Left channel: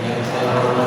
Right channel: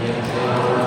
Yang saya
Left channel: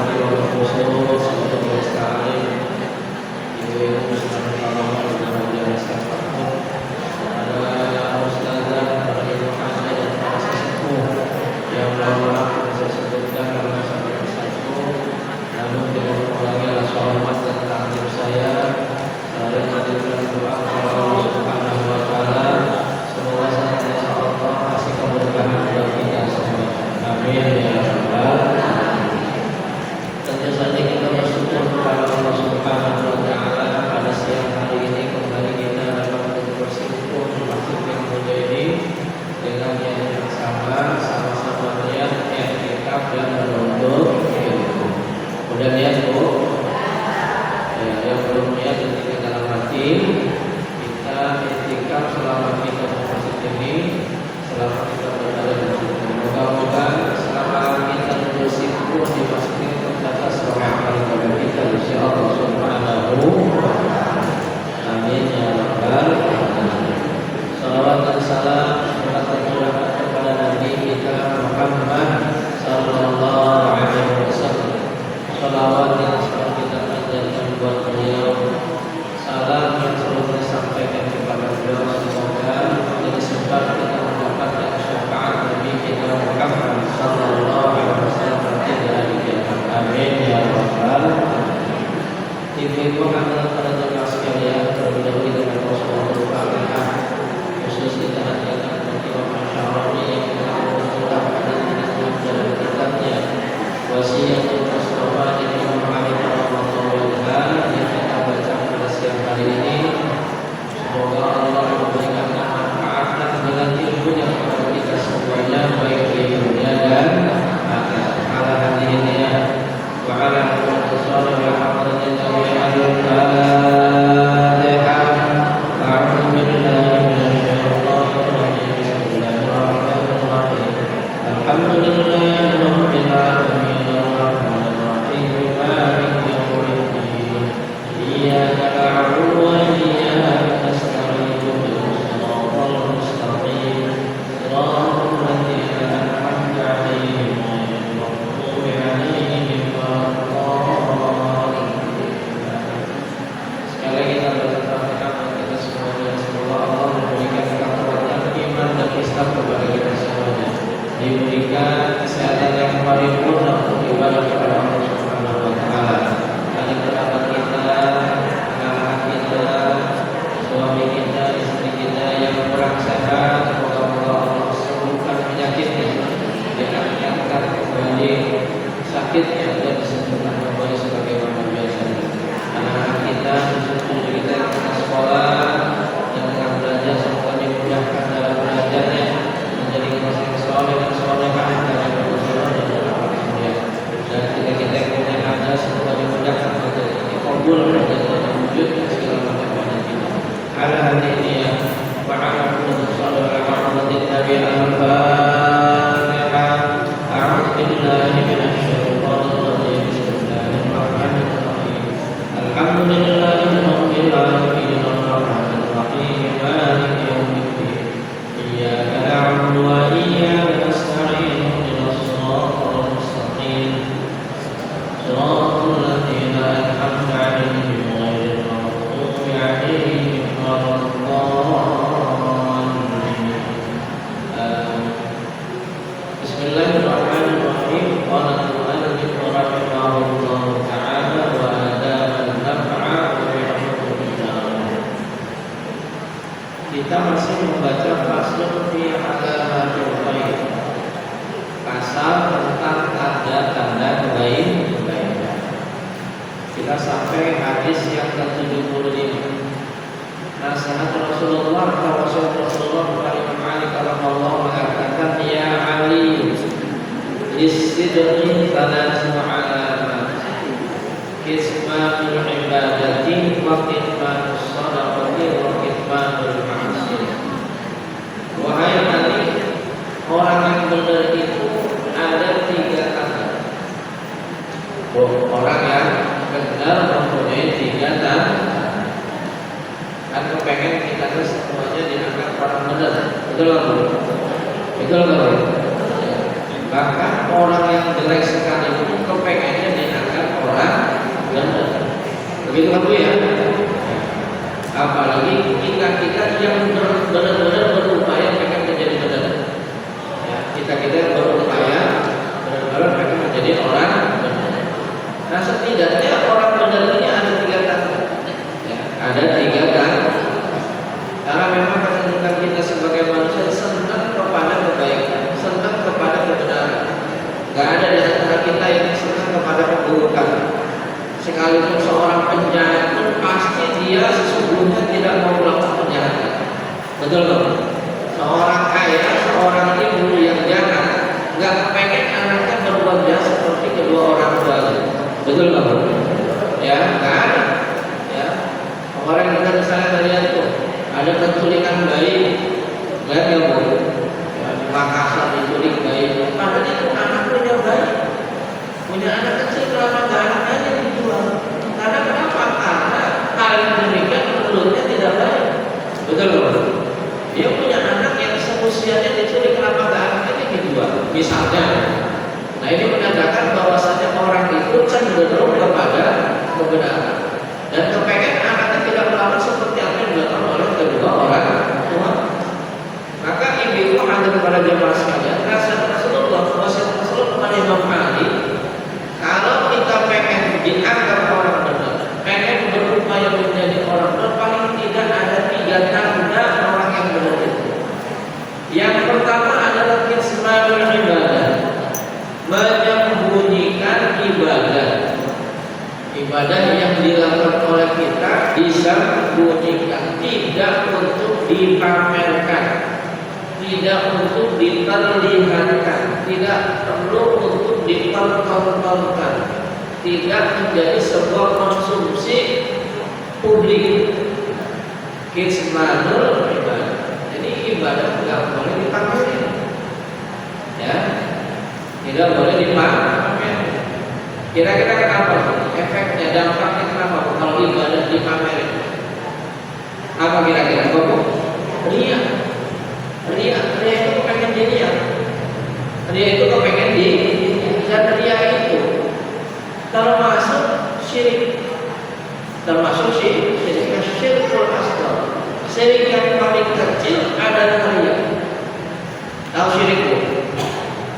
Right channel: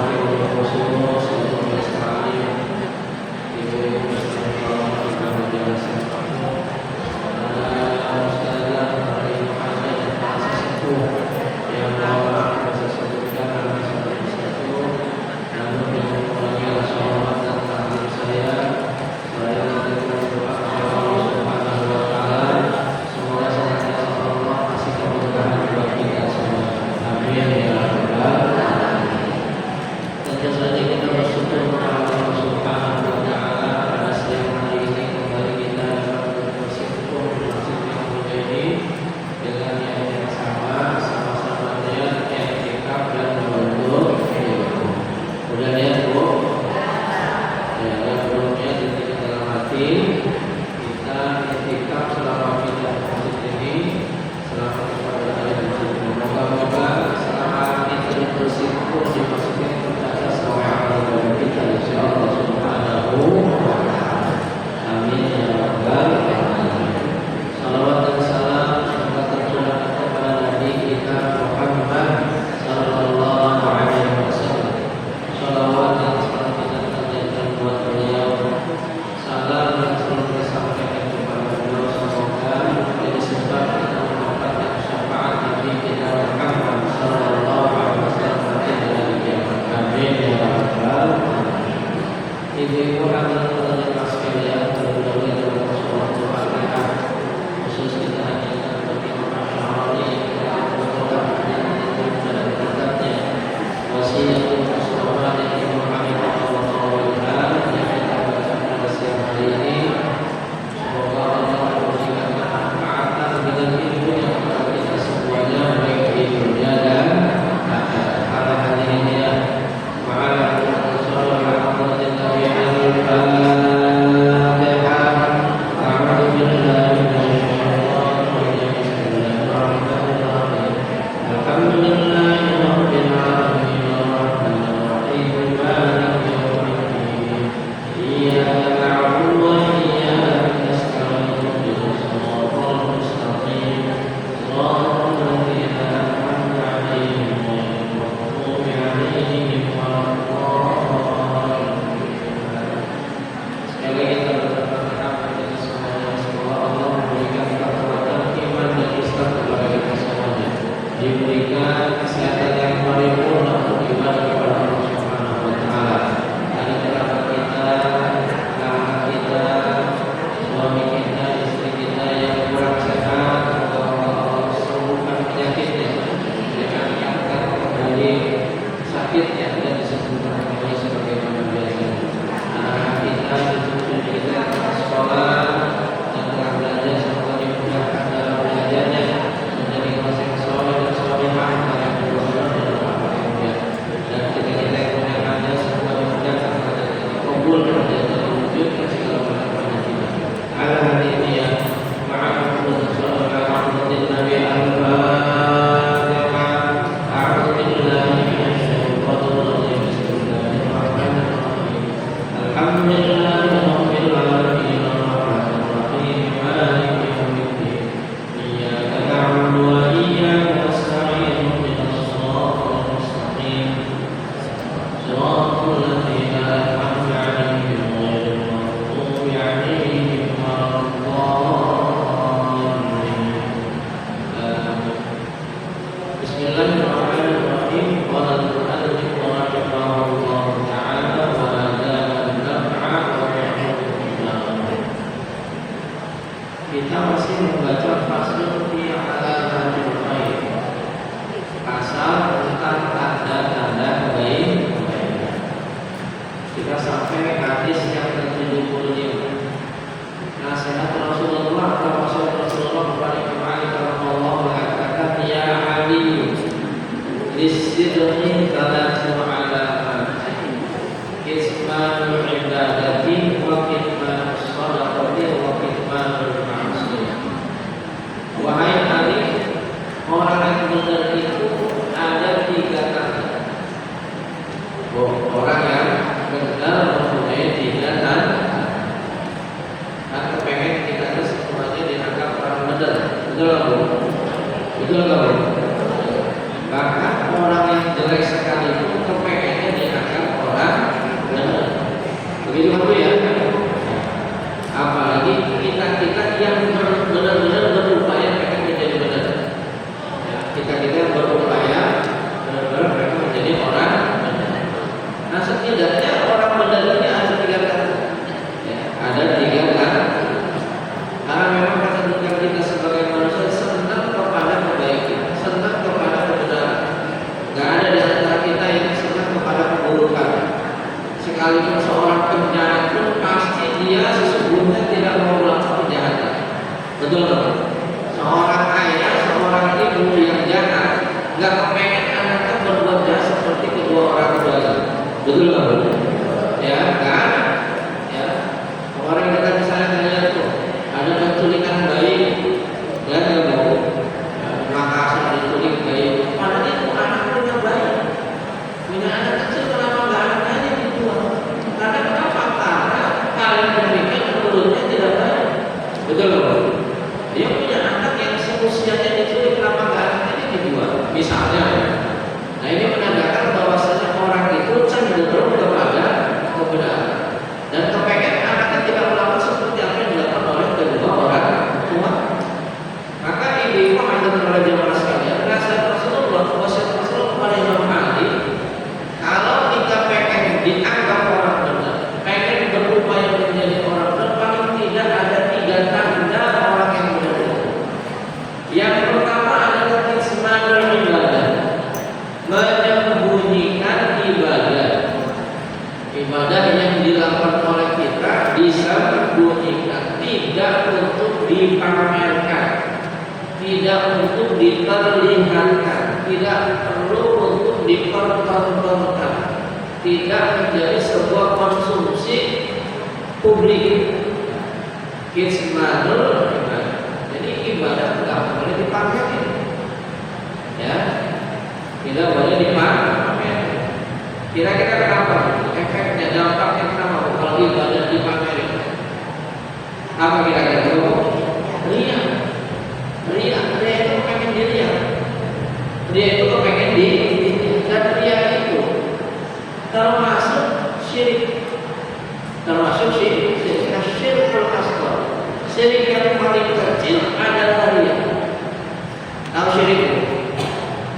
صراط الذين أنعمت عليهم غير المغضوب عليهم ولا الضالين. بسم الله الرحمن الرحيم. قال المؤلف رحمه الله تعالى وآداب النفع وبحكم. Kita masih membaca faslun fi alamatil khair, pasal tentang tanda-tanda kebaikan. Kita sampai hadis yang ke-75. Nasihat Rasulullah kepada Rasulullah kepada Imam Ali radhiyallahu mengatakan, ya Ali, isidni thalathu alamat, kismanul ibadati wa kitmanus sadaqati wa kitmanul ma'asiyah. Wahai Ali, orang yang benar itu ada 3 tanda. Orang yang benar mempunyai 3 tanda. Dan kepengen kita itu semuanya dianggap orang benar. Betul nggak? Betul nggak? Bahkan orang yang jelek sekali itu kepengennya dianggap orang benar. Begitu kan Bu ya? Apalagi kita yang benar-benar berupaya pengen menjadi benar. Ya, kita yang berupaya benar-benar pengen menjadi orang benar. Nah, setidaknya orang benar ini ada 3 tanda. Ya, ada 3 tanda. Karena memang kecenderungan kita sebagai manusia senang kepada kebaikan, senang kepada kebenaran. Gak ada di antara kita yang senang kepada keburukan. Sekalipun seorang penjahat pun pasti dia sesungguhnya tidak mau melakukan kejahatan. Betul nggak? Seorang ayah, seorang ibu yang jahat nggak kepengen anaknya berbuat jahat seperti kedua orang tuanya. Betul nggak? Ya, kan? Ya. Orang yang kita misalnya kalian tuh ada penculikan bayi, lihat ya Bu, ya, di Makassar diculik bayi. Padahal itu anak punya bayi, punya anak kecil, kenapa nggak anaknya dijual? Karena kenapa? Karena hal yang demikian menurutnya tidak baik. Betul nggak? Dia punya anak yang seusianya diculik, kenapa nggak anaknya dijual? Misalnya. Nah, ini menandakan bahwasanya orang itu cenderung kepada kebenaran dan kepengen anaknya tidak melakukan seperti apa yang dilakukan oleh kedua orang tua. Maka ibu ada kepada jemaah sekalian, nasihat Rasulullah, wasiat Rasulullah kepada Imam Ali, kalau kita pengen dianggap orang benar, pengen berupaya menjadi orang benar, paling tidak ada 3 tanda orang yang benar itu. Yang pertama adalah kismanul ibadah, menyembunyikan ibadah. Ibadah yang dilakukan oleh kita disembunyikan, tidak untuk dipamerkan, tidak untuk diperlihatkan, tidak perlu untuk dipertontonkan, tidak menjadi sebuah konsumsi publik. Kismanul ibadah. Jadi ibadah tidak boleh dipamerin, ya, tidak boleh dipamerin. Kira-kira kenapa? Efeknya, dampaknya kenapa kalau ibadah dipamerin? Apa kira-kira? Ria itu pengen dilihat. Ria itu pengen dilihat. Dan ria itu termasuk syirik. Termasuk syirikul asghar. Syirik yang paling kecil adalah ria. Tahu syirik itu?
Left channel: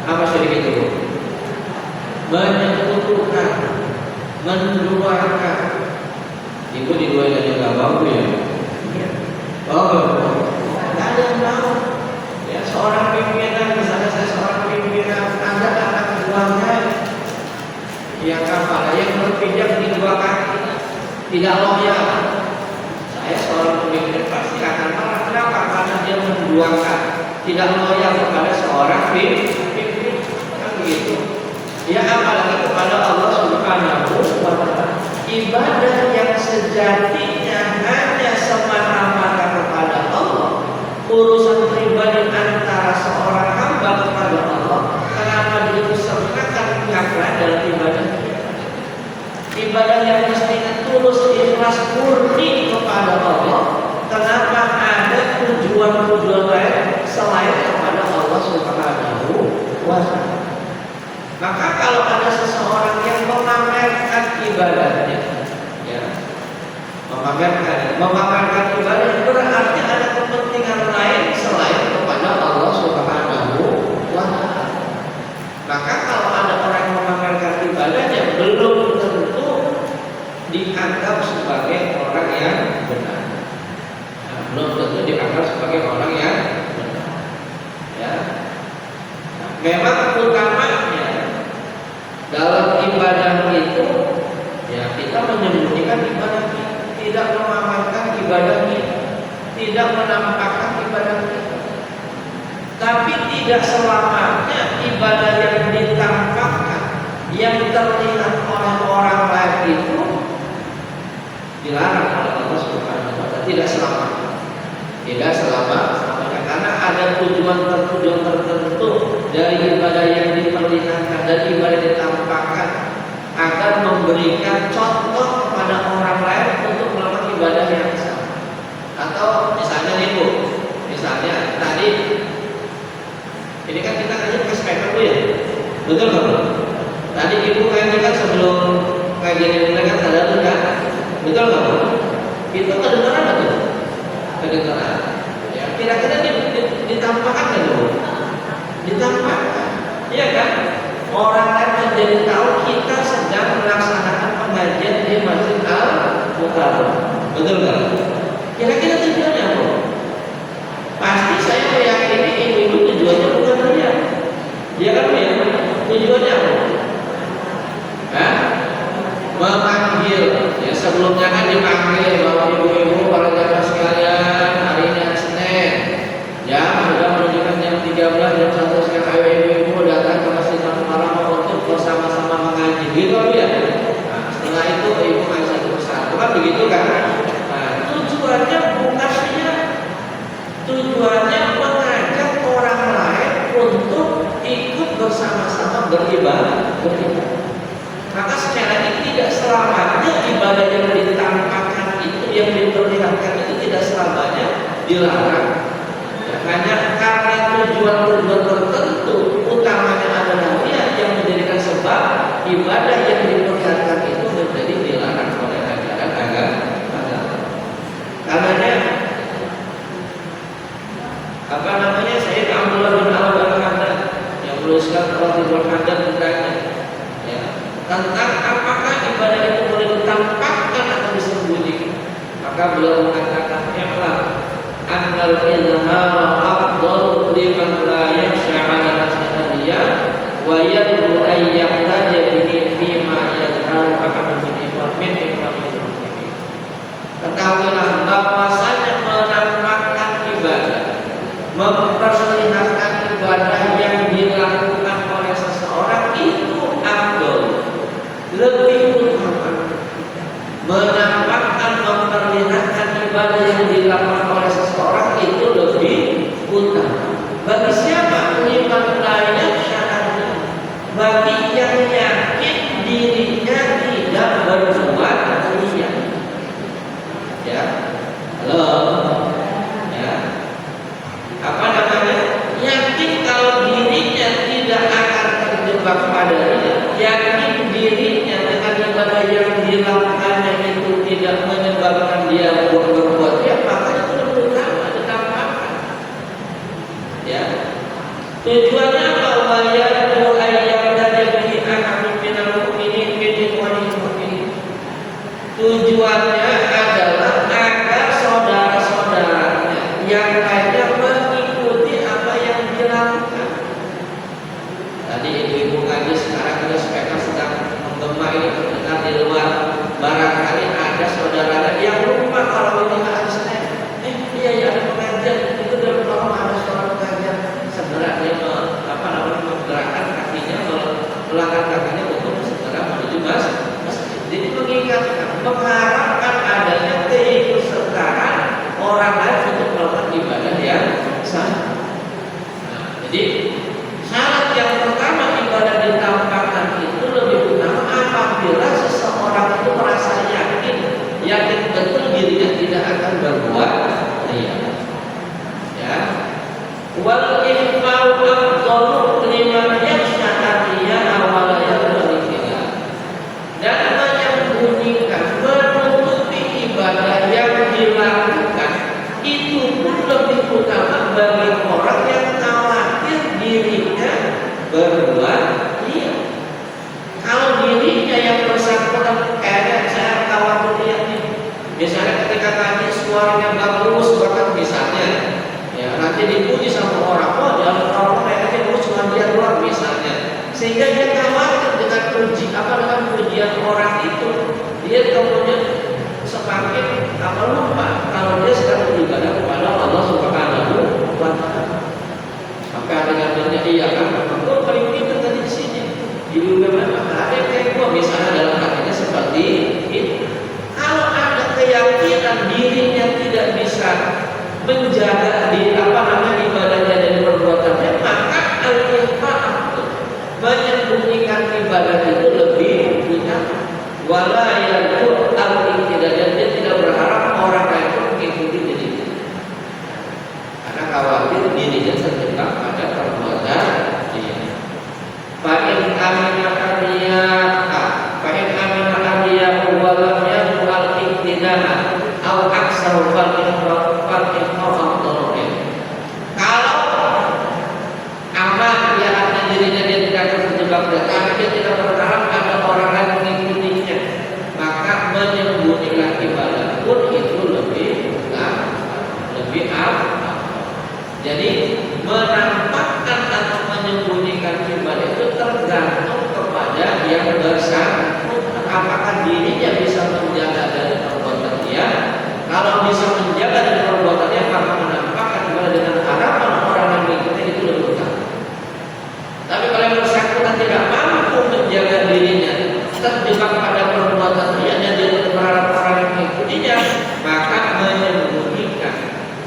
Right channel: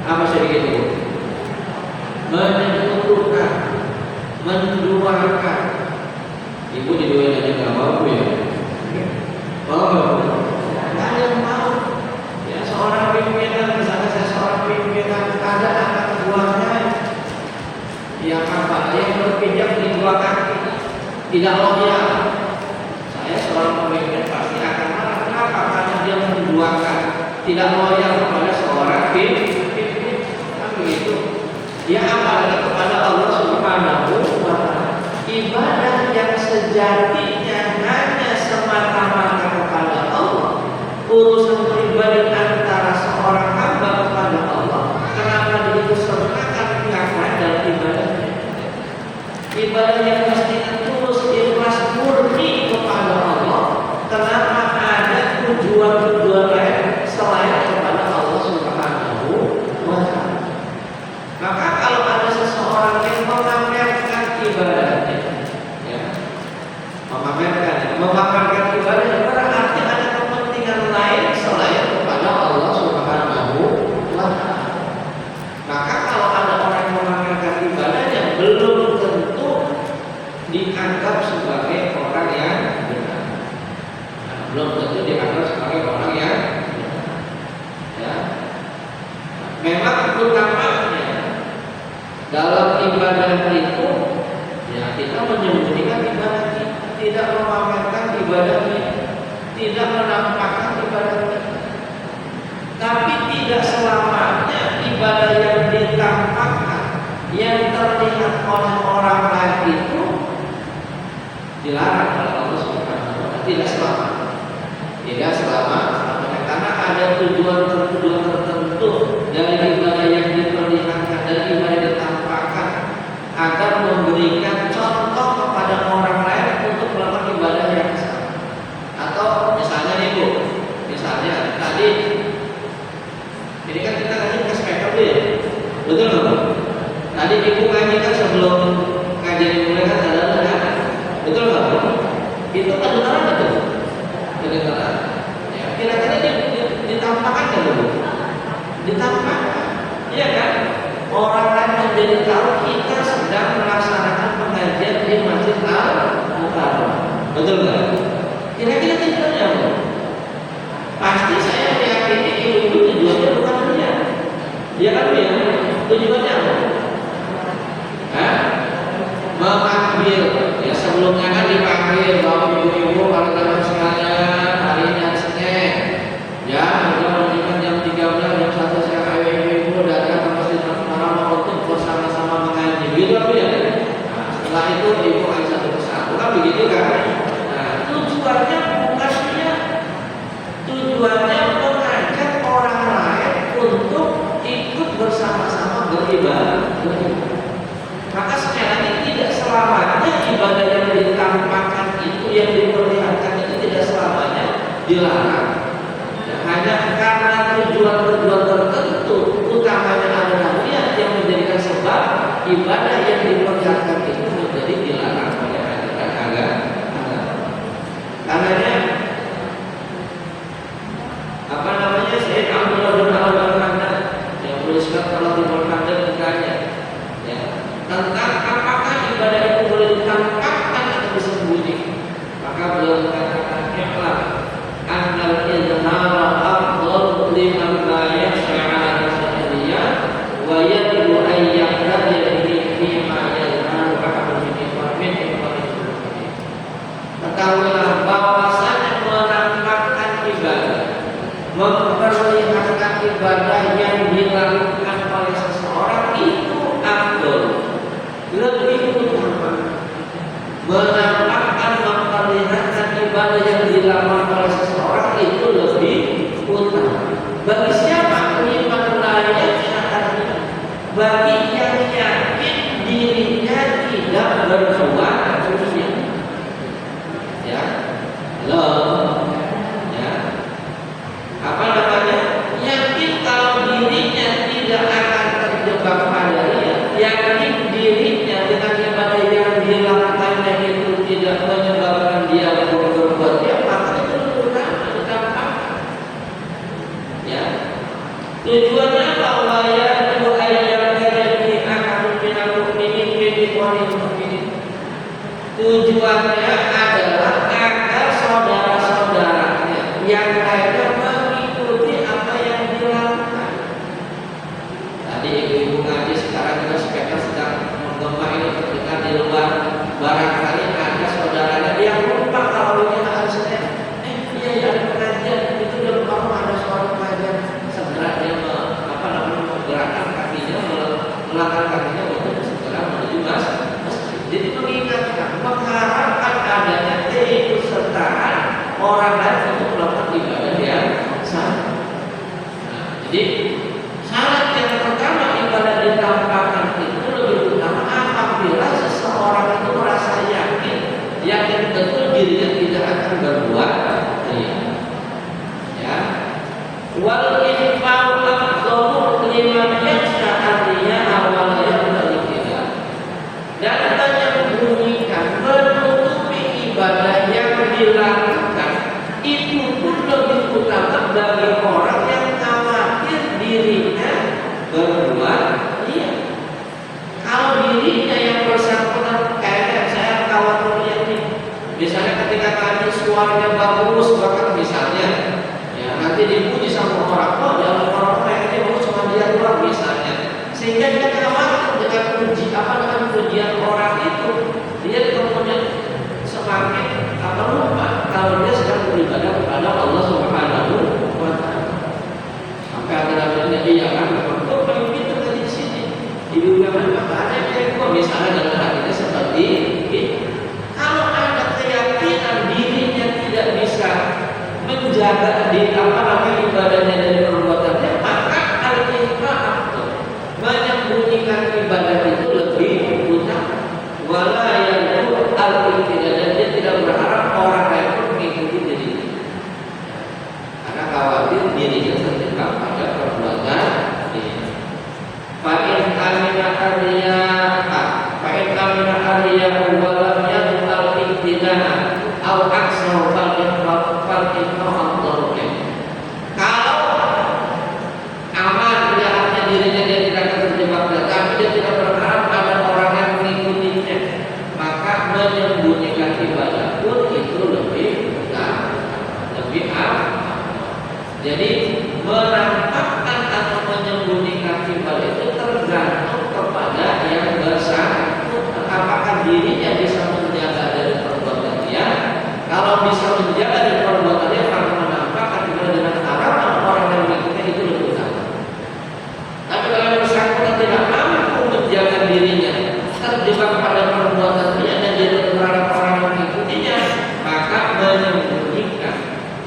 Apa syirik itu? Menyekutukan, menduakan. Ibu diduain aja nggak mau ya? Oh, nggak ada yang mau. Ya, seorang pimpinan, misalnya saya seorang pimpinan, ada anak buahnya yang apa? Yang berpijak di 2 kaki, tidak loyal. Saya seorang pemimpin pasti akan marah. Kenapa? Karena dia menduakan, tidak loyal kepada seorang pimpin. Kan begitu. Ya, apalagi kepada Allah Subhanahu wa ta'ala. Ibadah yang sejatinya hanya semata-mata kepada Allah, urusan pribadi antara seorang hamba kepada Allah, kenapa diusahakan pihak lain dalam ibadah? Ibadah yang mestinya tulus, ikhlas, murni kepada Allah, kenapa ada tujuan-tujuan lain selain kepada Allah Subhanahu wa ta'ala? Maka kalau ada seseorang yang mengamalkan ibadah itu ya kita menyembunyikan ibadah kita, tidak memamerkan ibadah kita, tidak menampakkan ibadah kita. Tapi tidak selamanya ibadah yang ditampakkan, yang terlihat oleh orang lain itu dilarang oleh Allah Subhanahu wa Ta'ala. Tidak selamanya, karena ada tujuan tertentu dari ibadah yang diperlihatkan dan ibadah ditampakkan agar memberikan contoh kepada orang lain untuk melakukan ibadah yang sama. Atau misalnya nih Bu, misalnya tadi ini kan kita ngaji pakai speaker ya, betul nggak Bu? Tadi Ibu ngaji kan sebelum ngaji dimulai kan ada kan, betul nggak Bu? Itu kedengaran betul? Kedengaran. Ya, kira-kira ditampakkan kan Bu? Ditampakkan, iya kan? Orang lain menjadi tahu kita sedang melaksanakan pengajian di Masjid Al-Mukarram, betul nggak? Kira-kira tujuannya Bu? Pasti saya meyakini ibu-ibu tujuannya bukan dia. Dia kan ya, tujuannya apa? Memanggil. Ya sebelumnya kan dipanggil bahwa ibu-ibu para jamaah sekalian, hari ini hari Senin. Ya, sudah menunjukkan jam 13, jam 1 siang, ayo ibu-ibu datang ke Masjid Al-Mukarram untuk bersama-sama mengaji. Gitu ya. Nah, setelah itu ibu ngaji satu persatu kan begitu kan? Nah, tujuannya bukan dia. Tujuannya mengajak orang lain untuk ikut bersama-sama beribadah. Maka secara ini tidak selamanya ibadah yang ditampakkan itu, yang diperlihatkan itu tidak selamanya dilarang. Ya, hanya karena tujuan-tujuan tertentu, utamanya adalah dia yang menjadikan sebab ibadah yang diperlihatkan itu menjadi dilarang oleh ajaran agama. Karenanya Sayyid Abdullah bin Al-Hamdan yang menuliskan Al-Tibul Hamdan bertanya ya, tentang apakah ibadah itu boleh ditampakkan atau disembunyikan. Maka beliau mengatakan i'lam annal izhara afdal liman la yakhsha 'ala nafsihi wa yad'u an yaqtadi bihi fima yazharu kama min ibadihi. Ketahuilah bahwasanya menampakkan ibadah, memperlihatkan ibadah yang dilakukan oleh seseorang itu afdal, lebih utama. Menampakkan, memperlihatkan ibadah yang dilakukan oleh seseorang itu lebih utama. Bagi siapa? Liman la yakhsha, bagi yang yakin dirinya tidak berbuat ria. Ya, halo. Yakin kalau dirinya tidak akan terjebak pada dia, yakin dirinya dengan ibadah yang dilakukannya itu tidak menyebabkan dia berbuat dia, maka itu lebih utama ditampakkan. Ya, tujuannya apa? Wayadu ayyadana bihi ahadun minal mu'minin min ikhwanil mu'minin. Tujuannya adalah agar saudara-saudaranya yang lainnya mengikuti apa yang dilakukan. Tadi ibu-ibu ngaji, sekarang kita speaker sedang menggema ini terdengar di luar. Barangkali ada saudaranya yang lupa kalau ini hari Senin. Iya ada pengajian, itu dia lupa ada suara pengajian. Segera dia menggerakkan kakinya, melangkah kakinya untuk segera menuju masjid. Jadi mengingatkan, mengharapkan adanya keikutsertaan orang lain untuk melakukan ibadah yang sama. Nah, jadi syarat yang pertama ibadah ditampakkan itu lebih utama apabila seseorang itu merasa yakin betul dirinya tidak akan berbuat ria. Ya, wal infa'u afdalu liman yakhsha ar-riya'a wa la yaqbalu khilaf. Dan menyembunyikan, menutupi ibadah yang dilakukan itu pun lebih utama bagi orang yang khawatir diri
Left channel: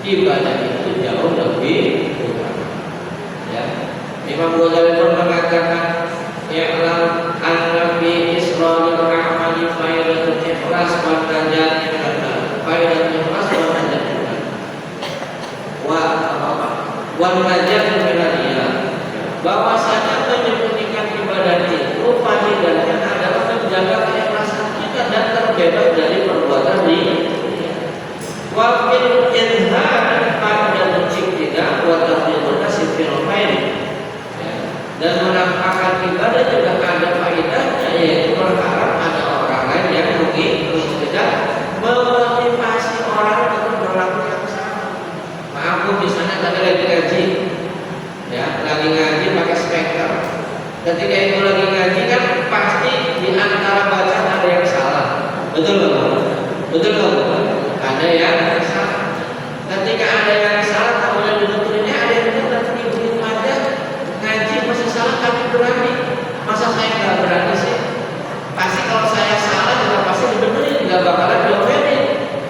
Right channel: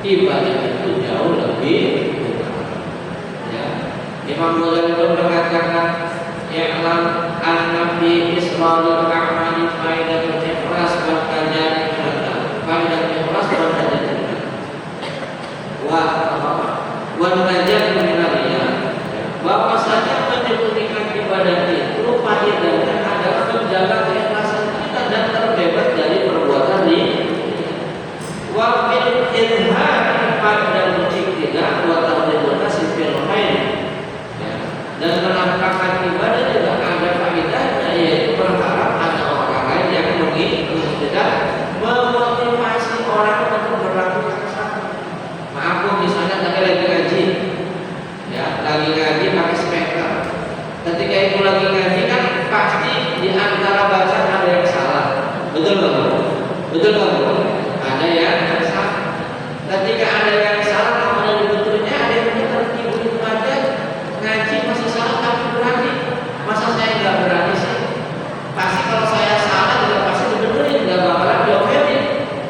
ibadah itu jauh lebih utama. Ya. Imam Ghazali pun mengatakan ya'lam anna fi isradil a'mali faidatul ikhlas wal najat min an-nar. Faidatul ikhlas wal najat min an-nar. Wal najat min an-nar. Bahwasanya menyembunyikan ibadah itu faedahnya adalah menjaga keikhlasan kita dan terbebas dari perbuatan riya. Wa fil izhar pada tidak buat artinya nasib fil khair. Dan menampakkan ibadah juga ada faedahnya, yaitu berharap ada orang lain yang tidak memotivasi orang untuk berlaku yang sama. Maaf bu, misalnya tadi lagi ngaji, ya lagi ngaji pakai speaker. Ketika itu lagi ngaji kan pasti di antara bacaan ada yang salah, betul nggak bu? Betul nggak bu? Ada yang salah. Ketika ada yang salah, kamu ada betulnya, ada yang benar begitu aja. Ngaji masih salah tapi berani. Masa saya nggak berani sih? Pasti kalau saya salah juga pasti dibenerin, nggak bakalan diomelin.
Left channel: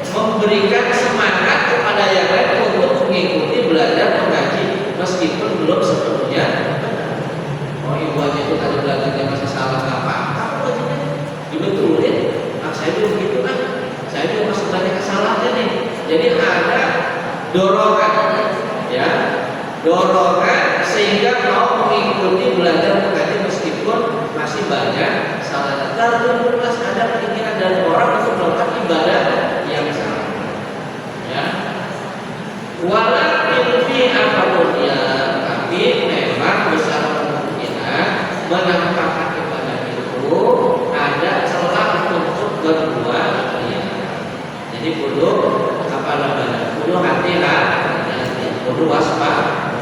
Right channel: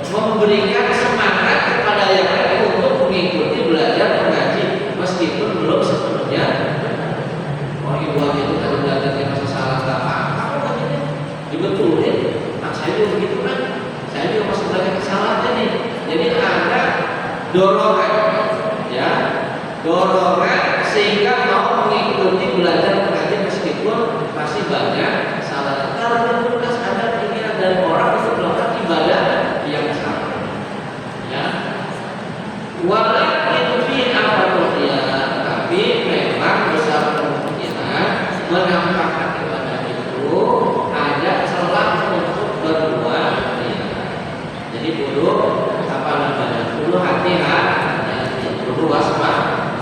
Memberikan semangat kepada yang lain untuk mengikuti belajar mengaji meskipun belum sepenuhnya. Oh ibu aja itu tadi belajarnya masih salah, nggak apa-apa, dibetulin. Nah saya juga begitu kan, saya juga masih banyak kesalahannya nih. Jadi ada dorongan, ya, dorongan sehingga mau mengikuti belajar mengaji meskipun masih banyak salah. Kalau jelas ada keinginan dari orang untuk melakukan ibadah yang salah, ya. Walaupun fi afadunya, tapi memang besar kemungkinan menampakkan ibadah itu ada celah untuk berbuat riya. Jadi perlu perlu hati-hati, perlu waspada.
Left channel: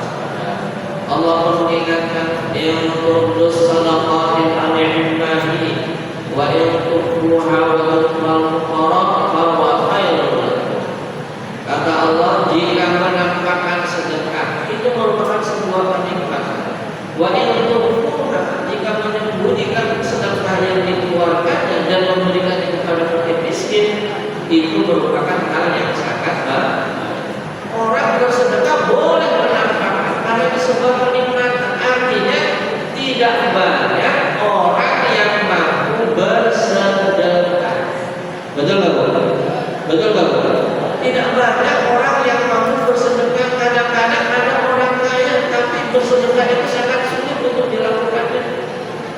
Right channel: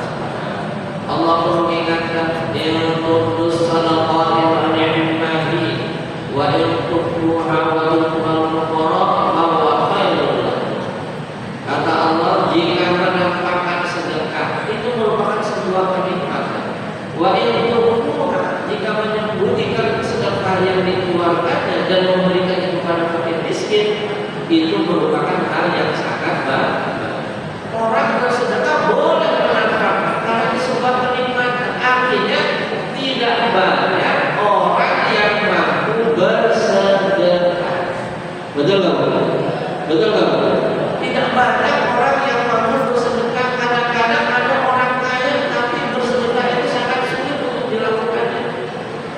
Allah pun mengingatkan in tubdus sadaqati fa ni'mahi wa in tukhfuha wa tu'tul fuqara fa huwa khairul lakum. Kata Allah, jika menampakkan sedekah itu merupakan sebuah kenikmatan. Wa in tukhfuha, jika menyembunyikan sedekah yang dikeluarkannya dan memberikannya kepada fakir miskin, itu merupakan hal yang sangat baik. Orang bersedekah boleh menampakkan karena itu sebuah kenikmatan. Artinya tidak banyak orang yang mampu bersedekah. Betul nggak bu? Betul nggak bu? Tidak banyak orang yang mampu bersedekah. Kadang-kadang ada orang kaya tapi bersedekah itu sangat sulit untuk dilakukannya.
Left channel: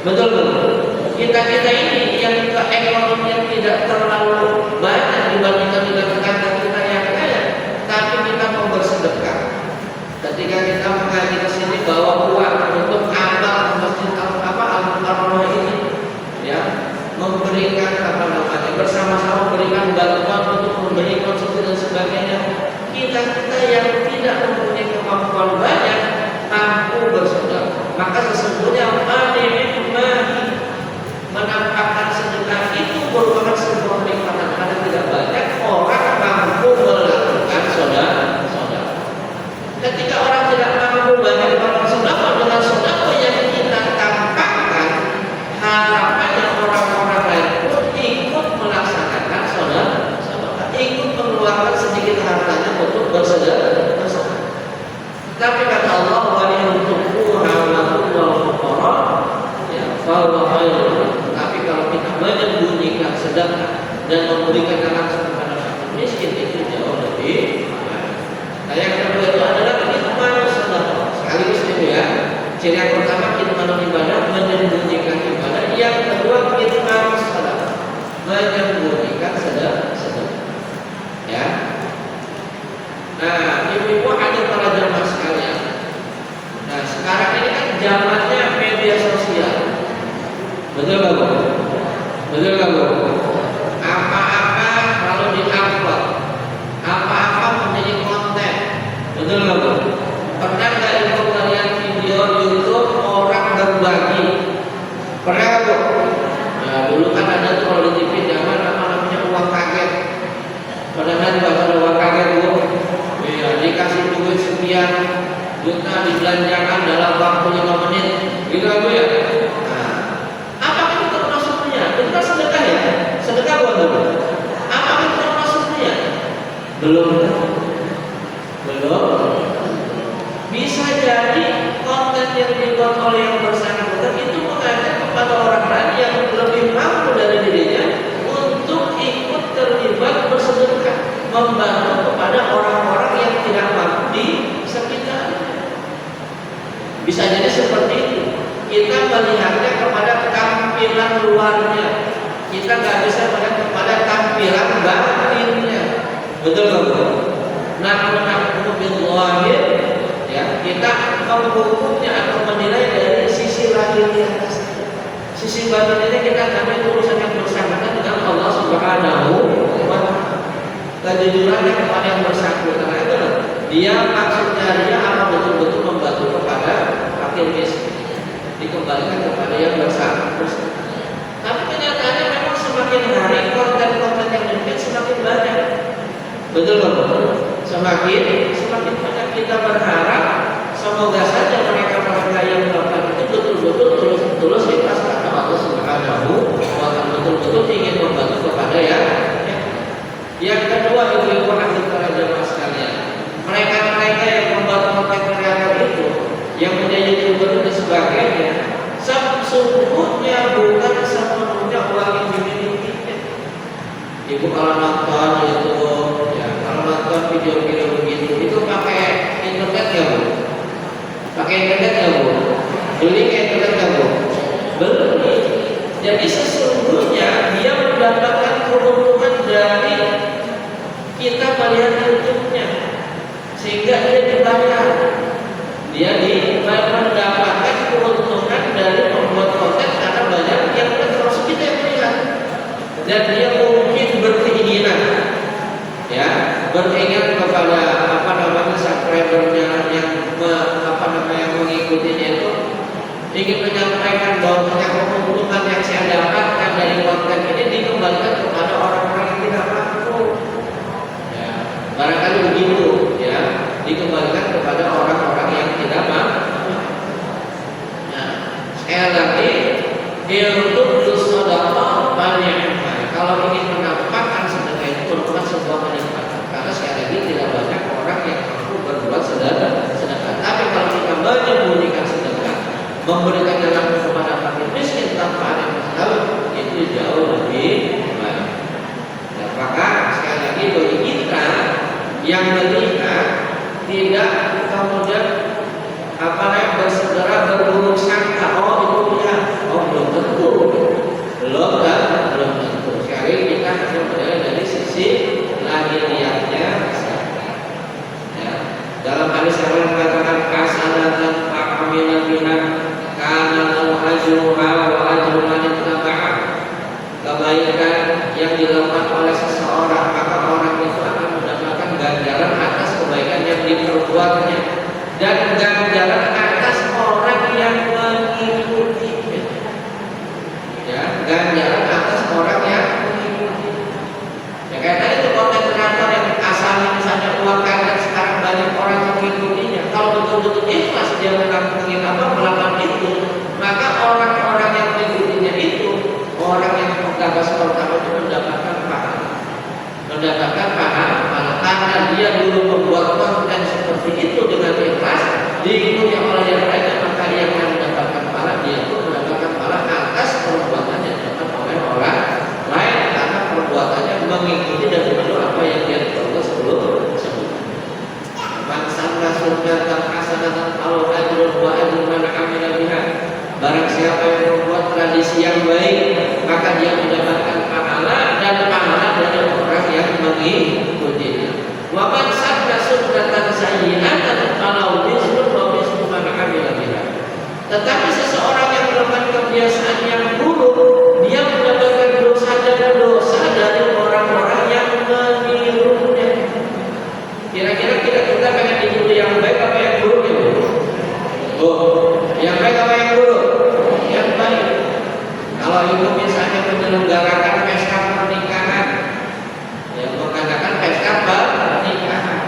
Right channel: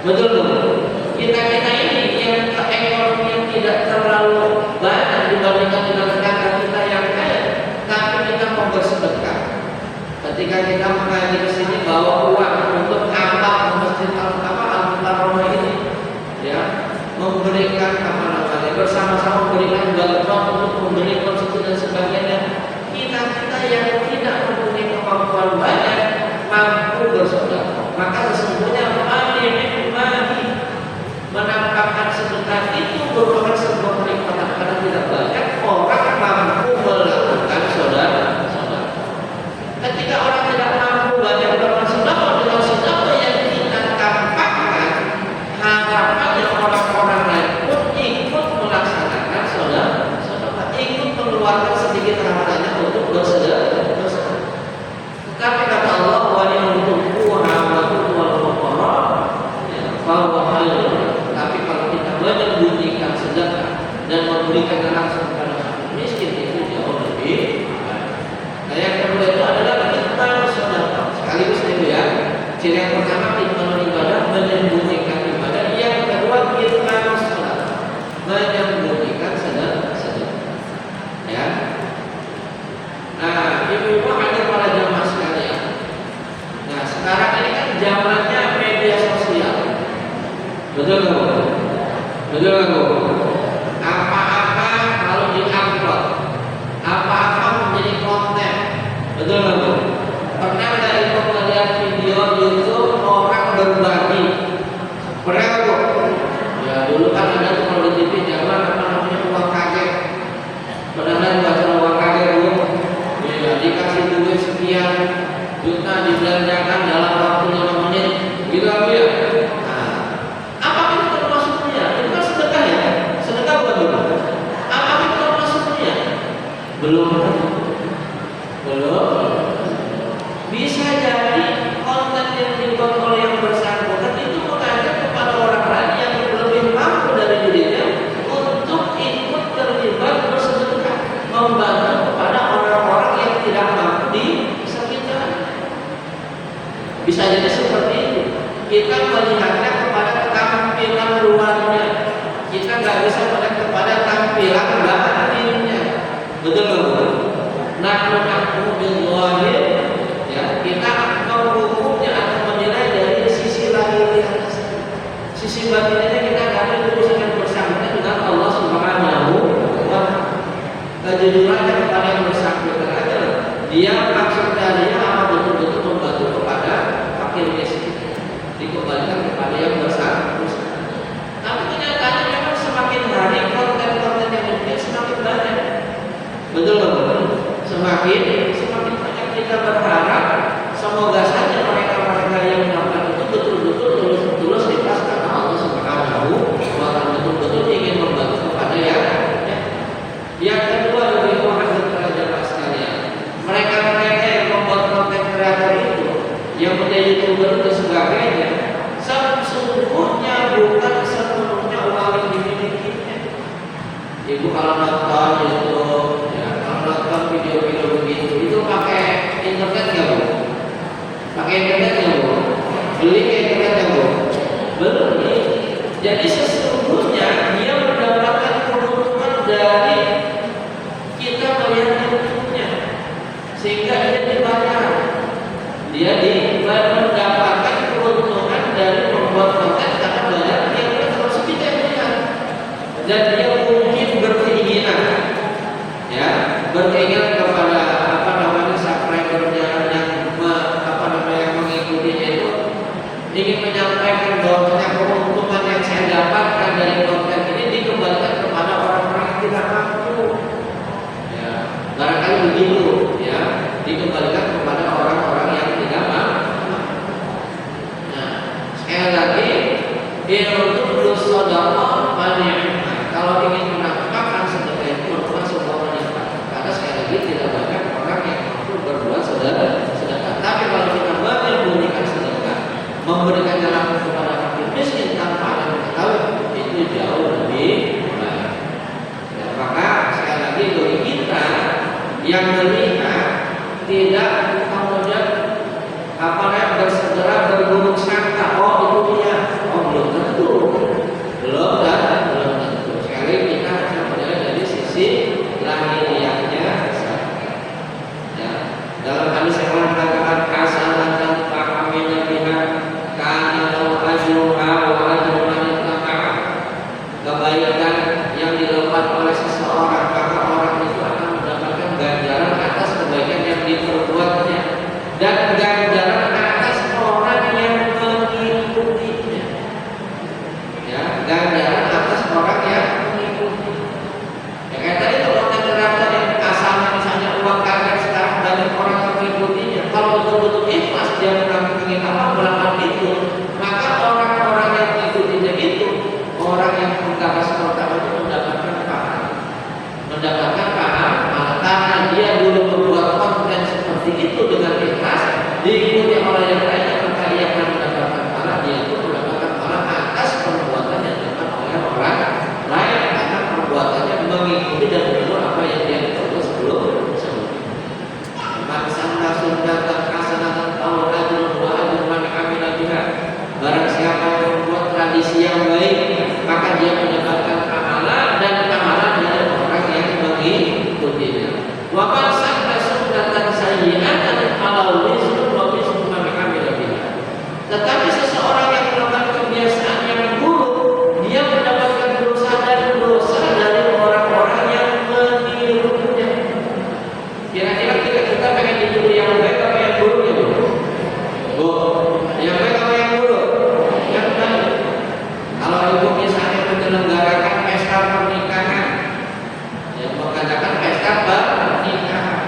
Betul nggak bu? Kita ini yang ekonomi yang tidak terlalu banyak dibandingkan dengan tetangga kita yang kaya, tapi kita mau bersedekah. Ketika kita mengaji ke sini bawa uang untuk tambah masjid Al-Mukarramah ini, ya, memberikan bersama-sama memberikan bantuan untuk memberi konsumsi dan sebagainya. Kita yang tidak mempunyai kemampuan banyak mampu bersedekah, maka sesungguhnya menampakkan sedekah itu merupakan sebuah kenikmatan karena tidak banyak orang mampu melakukan sedekah. Ketika orang tidak mampu banyak melakukan sedekah, dengan sedekah yang kita tampakkan, harapannya orang-orang lain pun ikut melaksanakan sedekah, ikut mengeluarkan sedikit hartanya untuk bersedekah. Tetapi kata Allah, wa in tukhfuha wal fuqara fa huwa khairul. Tapi kalau kita menyembunyikan sedekah dan memberikan langsung kepada fakir miskin, itu jauh lebih baik. Nah yang kedua itu adalah kitman sedekah. Sekaligus itu ya. Ciri yang pertama kitman ibadah, menyembunyikan ibadah. Yang kedua kitman sedekah, menyembunyikan sedekah. Ya. Nah, ibu-ibu hadir para jamaah sekalian. Nah, sekarang ini kan zamannya media sosial. Betul nggak bu? Betul nggak bu? Apa-apa kalau di-upload, apa-apa menjadi konten. Betul nggak bu? Pernah nggak ibu melihat video YouTube orang berbagi? Pernah nggak bu? Ya dulu kan ada tuh kalau di TV zaman apa namanya uang kaget. Pernah nggak baca uang kaget bu? Ya dikasih duit sekian juta dibelanjakan dalam waktu 5 menit, gitu bu ya? Belum. luarnya, kita nggak bisa melihat kepada tampilan batinnya. Betul nggak? Nahnu bil zahir, ya, kita menghukumnya atau menilai dari sisi lahiriah. Sisi batinnya kita karena itu urusan yang bersangkutan dengan Allah Subhanahu wa Ta'ala. Kejujurannya kepada yang bersangkutan itu, dia maksud darinya apa betul-betul membantu kepada fakir miskin, dikembalikan kepada yang bersangkutan. Tapi kenyataannya memang semakin hari konten-konten yang mungkin semakin banyak. Betul nggak? Semakin banyak kita berharap semoga saja mereka yang melakukan itu betul-betul tulus ikhlas karena Allah Subhanahu wa Ta'ala, betul-betul ingin membantu kepada ya. Yang kedua, ibu-ibu hadirin para jamaah sekalian, mereka yang membuat konten kreator itu, yang menjadi youtuber dan sebagainya, sesungguhnya bukan sepenuhnya uang yang dimilikinya. Ibu kalau nonton YouTube, ya, kalau nonton video-video begitu, itu pakai internet ya bu? Pakai internet ya bu? Beli internet ya bu? Beli. Jadi sesungguhnya dia mendapatkan keuntungan dari kita melihat YouTube-nya, sehingga dia dibayar. Dia mendapatkan keuntungan dari membuat konten karena banyak yang termasuk kita yang melihat. Dan dia mungkin berkeinginan kepada subscribernya yang mengikutinya itu, ingin menyampaikan bahwa keuntungan yang saya dapatkan dari konten ini dikembalikan kepada orang-orang yang tidak mampu. Ya, barangkali begitu, ya, dikembalikan kepada orang-orang yang tidak mampu. Nah, sekali lagi, ilmu sedekah banyak. Kalau ingin menampakkan sedekah itu merupakan sebuah kenikmatan. Karena sekali lagi tidak banyak orang yang mampu berbuat sedekah. Tapi kalau kita menyembunyikan sedekah, memberikannya langsung kepada fakir miskin tanpa ada yang tahu, itu jauh lebih baik. Dan maka sekali lagi bagi kita yang melihat, tidak kemudian bersegera berburuk sangka, oh itu punya, oh belum tentu, belum tentu. Sekali kita hanya melihat dari sisi lahiriahnya saja. Ya. Dalam hadis yang mengatakan hasanatan fa'amina biha kana lahu ajruha wa ajru man ittaba'a. Kebaikan yang dilakukan oleh seseorang, maka orang itu akan mendapatkan ganjaran atas kebaikan yang diperbuatnya dan ganjaran atas orang yang mengikutinya. Ya, ganjaran atas orang yang mengikutinya. Ya kayak tadi itu konten kreator yang asalnya misalnya uang kaget, sekarang banyak orang yang mengikutinya. Kalau betul-betul ikhlas dia bukan ingin melakukan itu, maka orang-orang yang mengikutinya itu, orang yang menggagas pertama itu mendapatkan pahala karena dia dulu membuat konten seperti itu dengan ikhlas, diikuti oleh yang lainnya, maka dia akan mendapatkan pahala, dia pun mendapatkan pahala atas perbuatan yang dilakukan oleh orang lain karena perbuatannya mengikuti dan meniru apa yang dia lakukan sebelumnya. Bangsa sunnatan hasanatan kalau ajrun wa ajrun man amila biha. Barang siapa yang membuat tradisi yang baik, maka dia mendapatkan pahala dan pahala dari orang yang mengikutinya. Wa man sanna sunnatan sayyi'atan kalau mislu wa mislu man amila biha. Tetapi seseorang yang melakukan kebiasaan yang buruk, dia mendapatkan dosa dan dosa dari orang-orang yang menirunya. Kira-kira kita pengen ditiru yang baik apa yang buruk ya? Yang baik apa yang buruk? Yang baik. Kalau itu misalnya menyelenggarakan pesta pernikahan, ya mengadakan pesta pernikahan,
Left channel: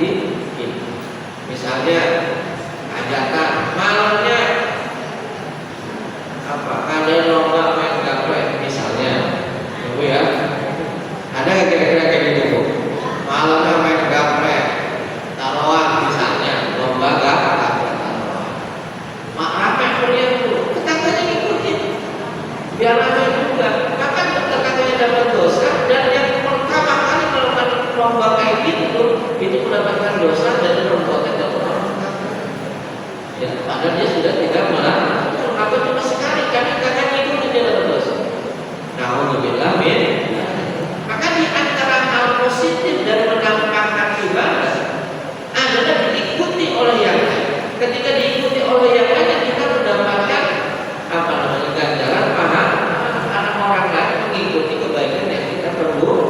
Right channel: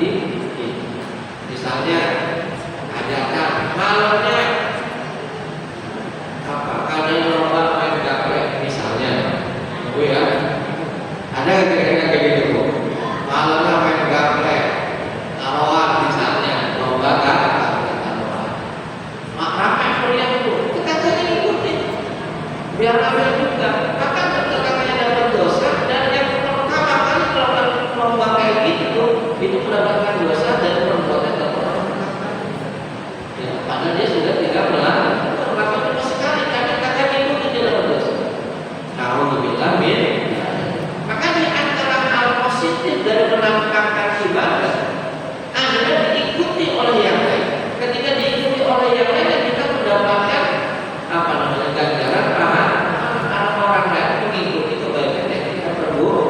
hati kita. Misalnya ajakan malamnya apa? Kalian lomba main gaplek misalnya, ibu ya. Ada yang kira-kira kayak gitu tuh? Malamnya main gaplek, taruhan misalnya, lomba gaplek taruhan. Mak ramai kuliah itu, tetangganya ngikutin, biar ramai juga. Maka tetangganya dapat dosa dan yang pertama kali melakukan lomba kayak gitu itu mendapatkan dosa dan perbuatan yang orang ya, padahal dia sudah tidak melakukan, maka cuma sekali karena kakaknya itu tidak dapat dosa. Nauzubillah min. Maka di antara hal positif dari menampakkan ibadah adalah diikuti oleh yang lain. Ketika diikuti oleh yang lain, kita mendapatkan apa namanya ganjaran pahala orang lain mengikuti kebaikan yang kita perbuat.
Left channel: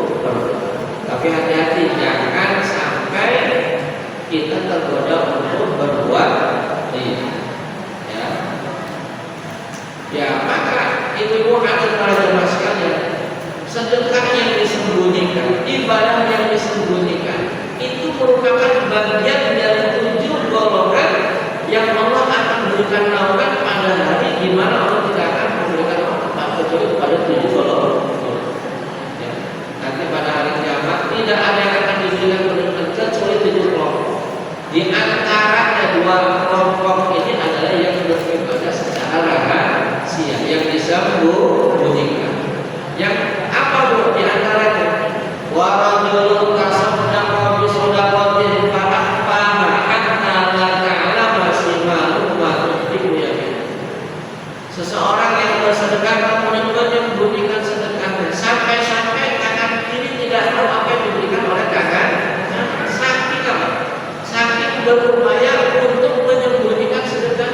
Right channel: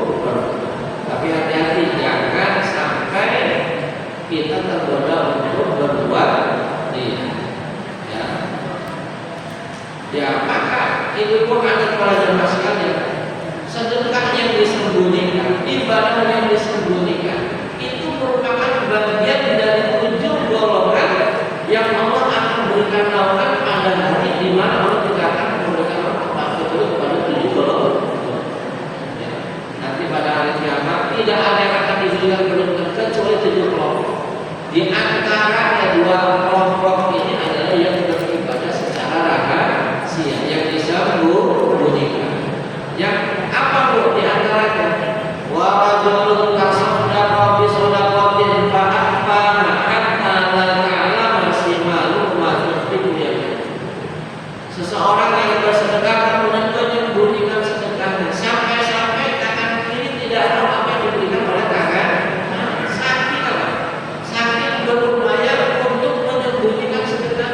Tapi hati-hati jangan sampai kita tergoda untuk berbuat ria. Ya, maka ibu-ibu anak para jemaah sekalian, sedekah yang disembunyikan, ibadah yang disembunyikan itu merupakan bagian dari 7 golongan yang Allah akan berikan naungan pada hari di mana Allah tidak akan memberikan naungan kecuali kepada 7 golongan. Ya. Nanti pada hari kiamat tidak ada yang akan diberikan kecuali 7 kelompok. Di antaranya 2 kelompok ini adalah yang beribadah secara rahasia, yang disembunyikan. Yang apa bu di antaranya? Wa rajulun tasaddaqa bi shadaqatin fa akhfaha hatta la ta'lama shimaluhu ma tunfiqu yaminuhu. Seseorang yang bersedekah kemudian menyembunyikan sedekahnya sampai-sampai tangan kiri tidak tahu apa yang diberikan oleh tangan. Saking apa? Saking berupaya untuk menyembunyikan sedekah.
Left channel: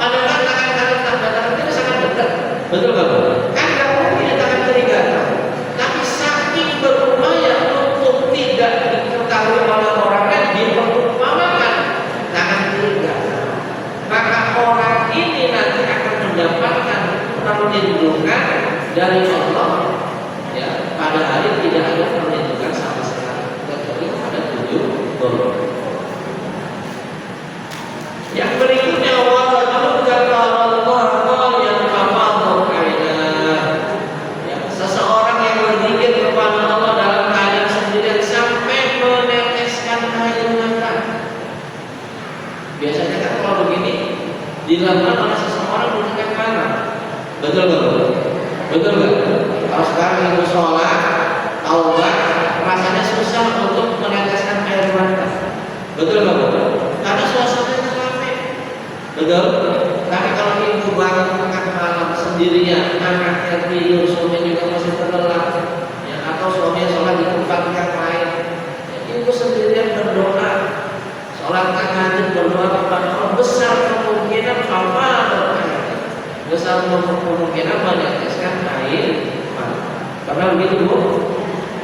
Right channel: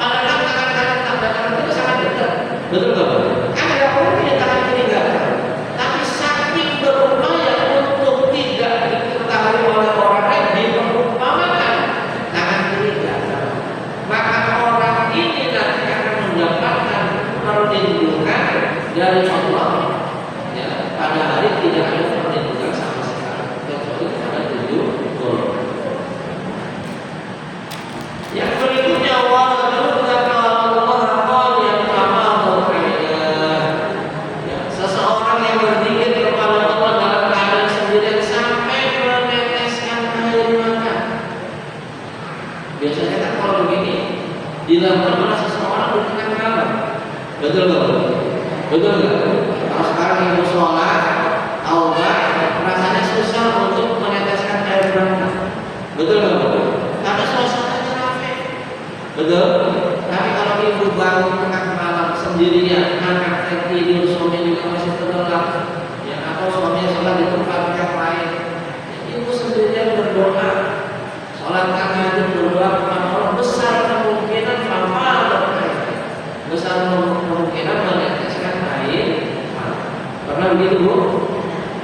Padahal tangan kita sangat dekat. Betul nggak Pak? Kan nggak mungkin tangan kiri nggak tahu. Tapi saking berupaya untuk tidak diketahui oleh orang lain, diperumpamakan tangan kiri nggak tahu. Maka orang ini nanti akan mendapatkan perlindungan dari Allah. Ya, pada hari tidak ada perlindungan sama sekali kecuali pada 7 golongan. Yang berikutnya seseorang yang berzikir kepada Allah dalam keadaan sendirian sampai meneteskan air mata. Biasanya kan kalau begini dilakukan oleh seseorang bukan malam. Betul nggak? Betul nggak? Kalau sekarang ibu sholat, tahu nggak? Rasanya susah untuk meneteskan air mata. Betul nggak? Karena suasananya ramai. Betul. Tapi kalau ibu bangun tengah malam sendirian, anaknya tidur, suaminya juga masih terlelap, ya, atau suaminya sholat di tempat yang lain, ya, ibu sendirian berdoa, sholat tahajud berdoa kepada Allah, besar kemungkinan besar kemungkinan meneteskan air mata. Pernah begitu bu?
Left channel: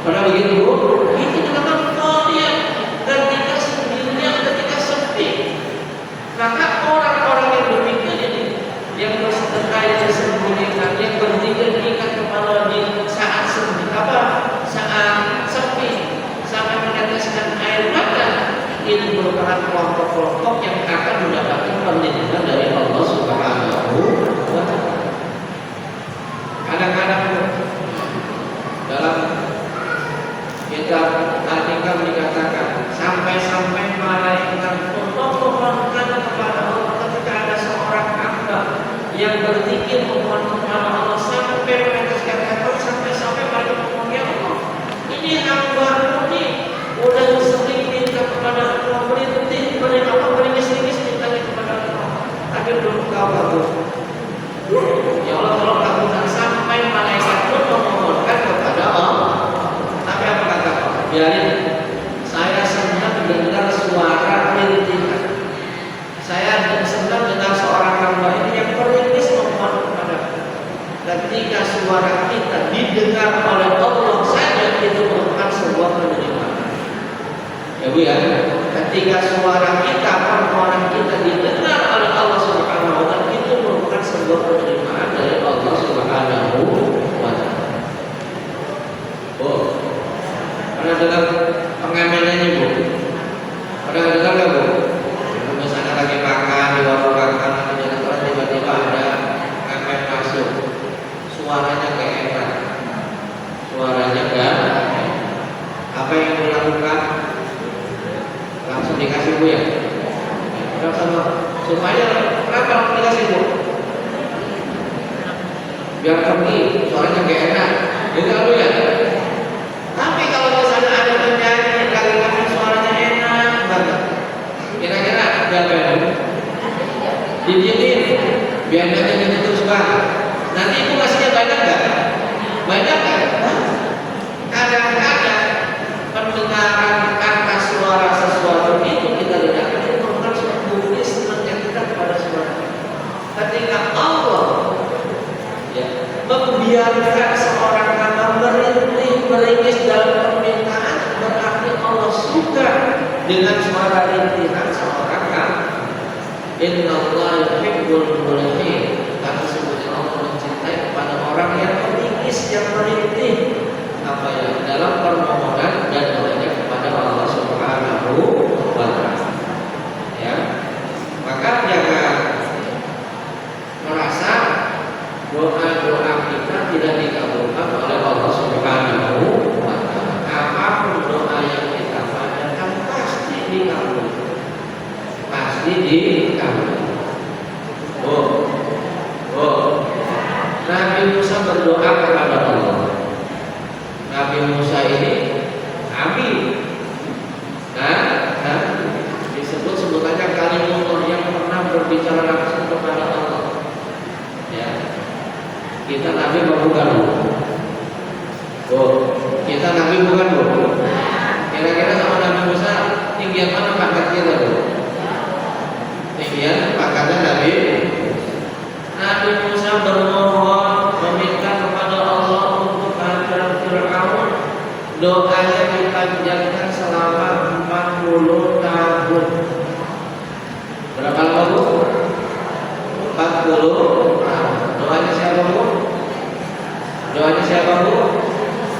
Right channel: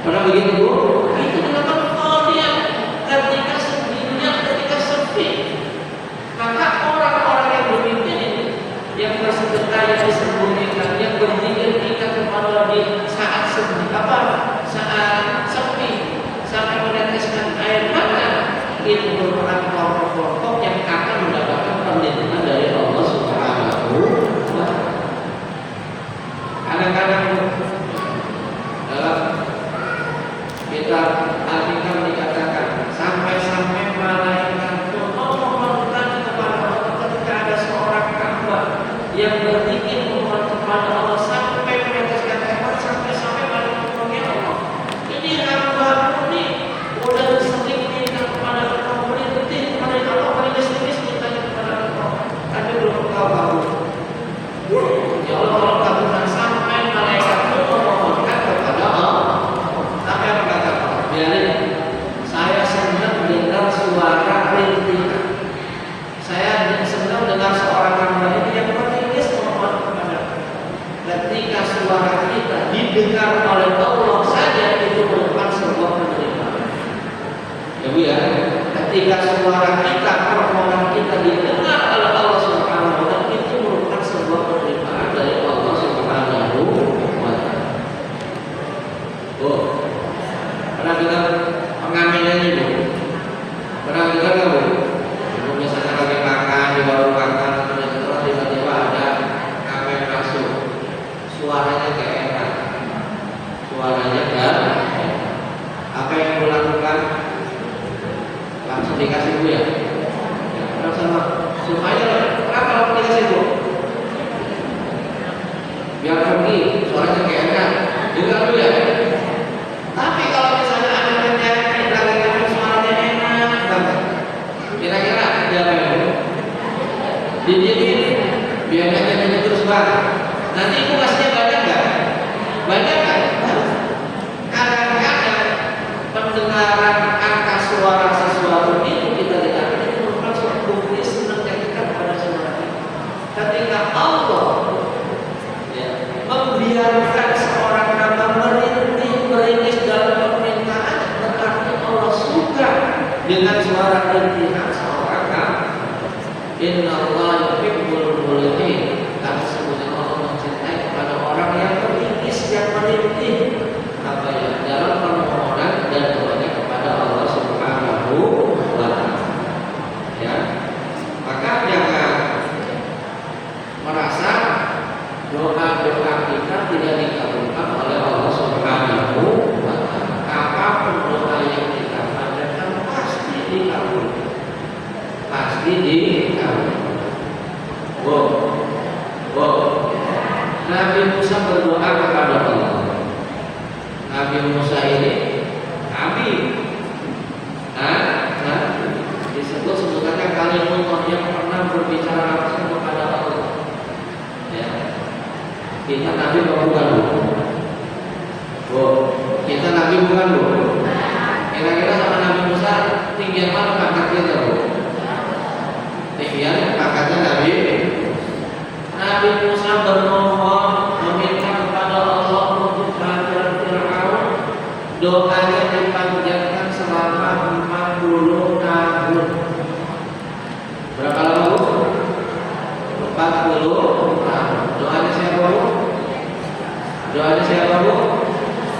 Pernah begitu bu? Itu merupakan kalian ketika sendirian, ketika sepi. Maka orang-orang yang demikian ini, yang bersedekah yang disembunyikan, yang berzikir tingkat kepada di saat sepi, saat sepi sampai meneteskan air mata, itu merupakan kelompok-kelompok yang akan mendapatkan perlindungan dari Allah Subhanahu wa Ta'ala. Kadang-kadang dalam kitab Al-Hikam dikatakan sampai-sampai malaikat memohonkan kepada Allah ketika ada seorang hamba yang berzikir memohon kepada Allah sampai meneteskan air mata, sampai-sampai malaikat memohon, ya Allah, ini hamba-Mu nih udah sering minta kepada Allah, berhenti dari Allah, beringis-ingis mintanya kepada Allah, tapi belum Kau kabul. Ya Allah, kalau kabulkan sampai malaikat memohonkan kepada Allah. Tapi apa kata Allah? Biarin, saya senang dengar suara rintihan. Saya senang dengar seorang hamba ini yang beringis memohon kepada Allah. Ketika suara kita didengar oleh Allah saja, itu merupakan sebuah penerimaan. Ya Bu ya, ketika suara kita, permohonan kita didengar oleh Allah Subhanahu wa Ta'ala, itu merupakan sebuah penerimaan dari Allah Subhanahu wa Ta'ala. Oh, pernah dengar pengaminannya Bu? yang melakukan langsung dikasih Bu ya. Sama supaya kenapa langsung dikasih Bu? Biar pergi, suaranya kayak enak. Juga Bu ya. Tapi kalau misalnya ada penyanyi lagi suaranya enak banget, kira-kira siapa yang didiemin biar nyanyi terus banget. Nanti Ibu kasihnya banyak nggak? Banyak kan? Kadang-kadang pendengaran angka suara sesuatu itu kita lihat itu merupakan suatu Islam yang dekat kepada saudara. Ketika Allah membiarkan seorang hamba merintih meringis dalam permintaan, berarti Allah suka dengan suara rintihan seorang hamba. Inna Allah yuhibbul mulihin. Kata sebutnya Allah mencintai kepada orang yang meringis, yang merintih apa ya dalam permohonan dan doanya kepada Allah Subhanahu wa Ta'ala. Ya, maka jangan merasa doa-doa kita tidak dikabulkan oleh Allah Subhanahu wa Ta'ala. Apapun doa yang kita panjatkan pasti dikabulkan, pasti dikabulkan. Nabi Musa berdoa kepada Allah. Nabi Musa ini Nabi, disebut sebutannya kalimullah yang pernah berbicara langsung kepada Allah. Ya. Kita Nabi bukan Bu. Kita Nabi bukan Bu. Kira-kira sama Nabi Musa tinggian mana pangkatnya Bu? Tinggian pangkatnya Nabi Musa bermohon meminta kepada Allah untuk kehancuran Fir'aun. Doanya dipanjangkan selama 40 tahun. Berapa lama Bu? 40 tahun. Doanya siapa Bu? Doanya siapa Bu?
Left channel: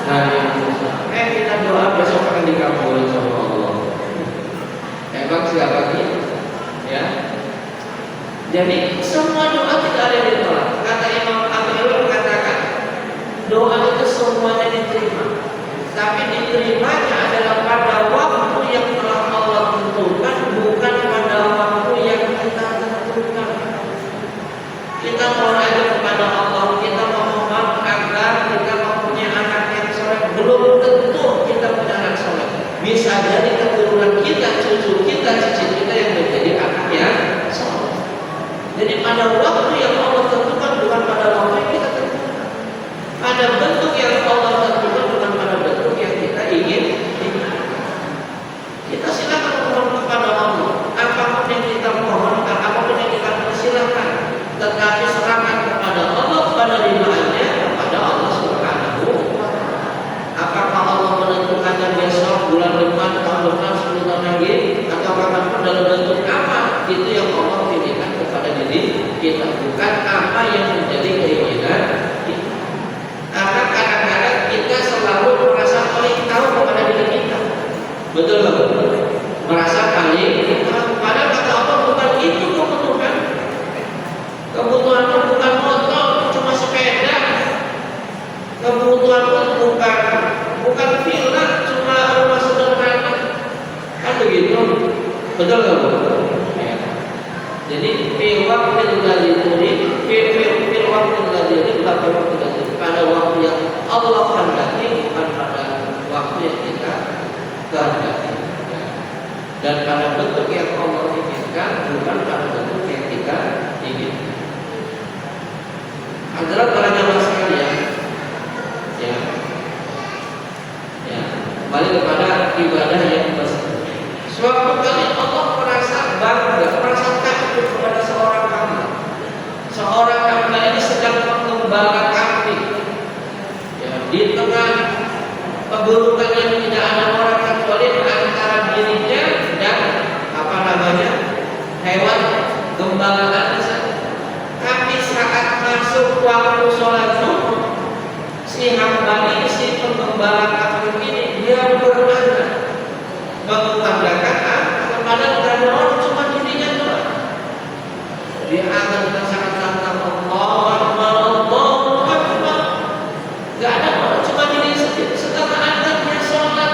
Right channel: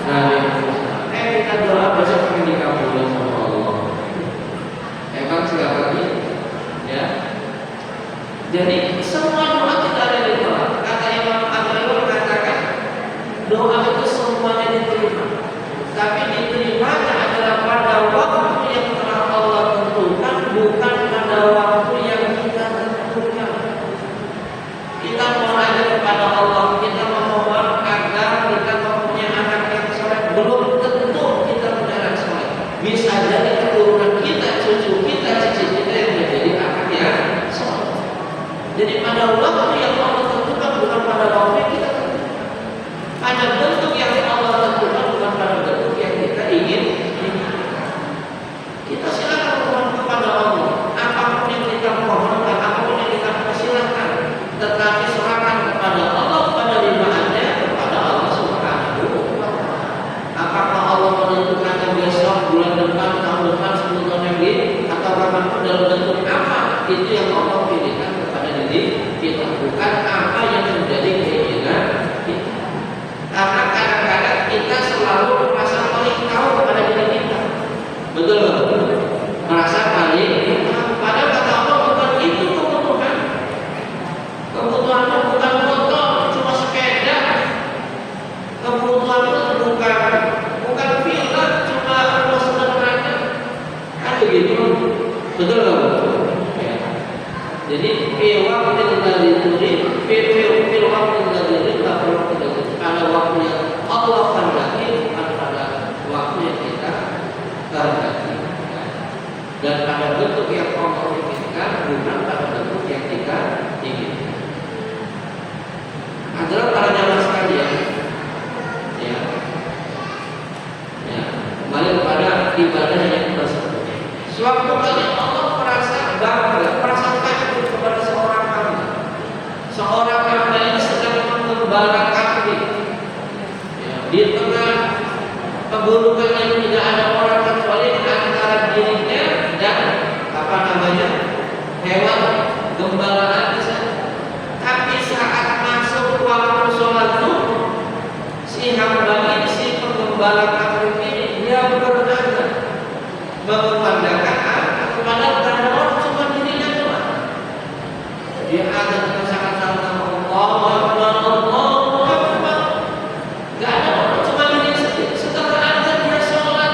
Nabi Musa. Kita doa besok akan dikabulin sama Allah. Emang siapa sih? Ya. Jadi semua doa kita ada ditolak. Kata Imam Abu mengatakan doa itu semuanya diterima, tapi diterimanya adalah pada waktu yang telah Allah tentukan, bukan pada waktu yang kita tentukan. Kita mohon aja kepada Allah, kita memohon agar kita mempunyai anak yang soleh. Belum tentu kita punya anak soleh. Bisa jadi keturunan kita, cucu kita, cicit kita yang menjadi anak yang soleh. Jadi pada waktu yang Allah tentukan, bukan pada waktu yang kita tentukan. Pada bentuk yang Allah tentukan, bukan pada bentuk yang kita ingin. Kita silakan mohon kepada Allah. Apapun yang kita mohonkan, apapun yang kita persilahkan, tetapi serahkan kepada Allah, kepada ridhaannya, kepada Allah Subhanahu wa Ta'ala. Apakah Allah menentukannya besok, bulan depan, tahun depan, 10 tahun lagi, atau kapanpun dalam bentuk apa? Itu yang Allah pilihkan kepada diri kita, bukan apa yang menjadi keinginan kita. Karena kadang-kadang kita selalu merasa paling tahu kepada diri kita. Betul betul. Merasa paling tahu. Padahal kata Allah bukan itu kebutuhan. Kebutuhanmu bukan motor, cuma sepeda. Kebutuhanmu bukan villa, cuma rumah sederhana. Kan begitu. Betul nggak Bu? Ya. Jadi pada waktu yang Allah kehendaki, bukan pada waktu yang kita kehendaki. Ya. Dan pada bentuk yang Allah inginkan, bukan pada bentuk yang kita inginkan. Adalah para jamaah sekalian, ya, kembali kepada ibadah yang bersebut. Suatu kali Allah merasa bangga, merasa takjub kepada seorang hamba. Seorang hamba ini sedang menggembala kambing. Ya, di tengah pegunungan yang tidak ada orang kecuali antara dirinya dan hewan gembalaan di sana. Tapi saat masuk waktu sholat zuhur, si hamba ini, si penggembala kambing ini, dia berazan mengumandangkan kepada tanda orang cuma dirinya doang. Dia azan dengan sangat lantang, Allahu Akbar, Allahu Akbar. Gak ada orang, cuma diri sendiri. Setelah azan dia sholat,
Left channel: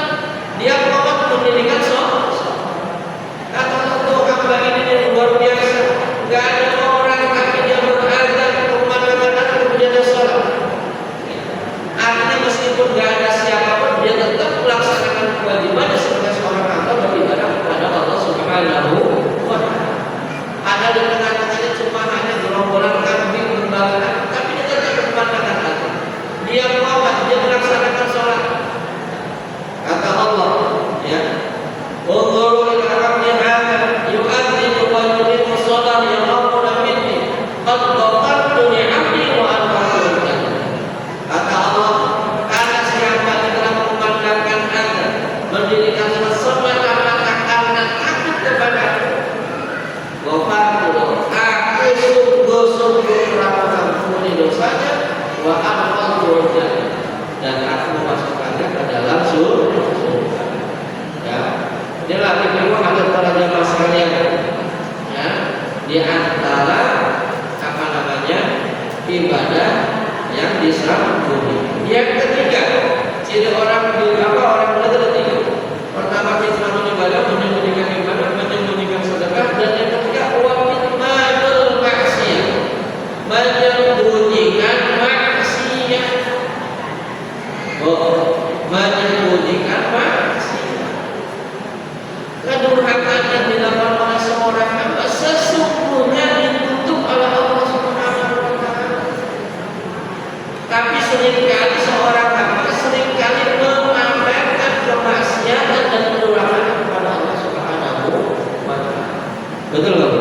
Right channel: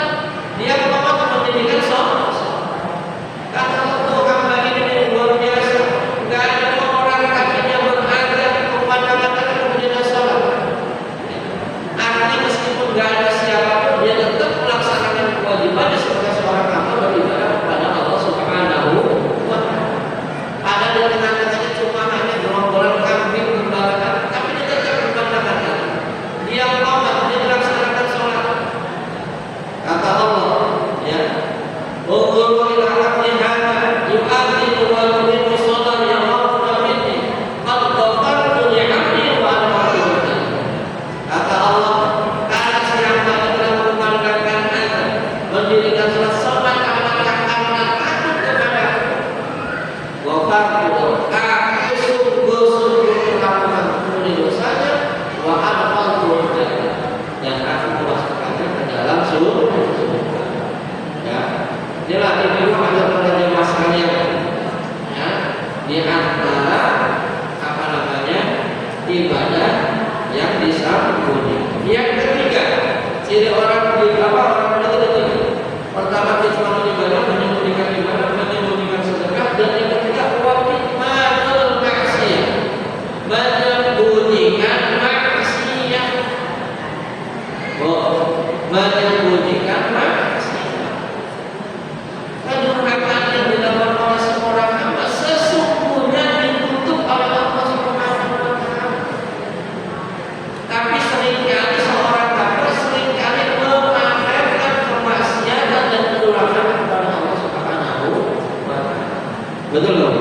Betul nggak?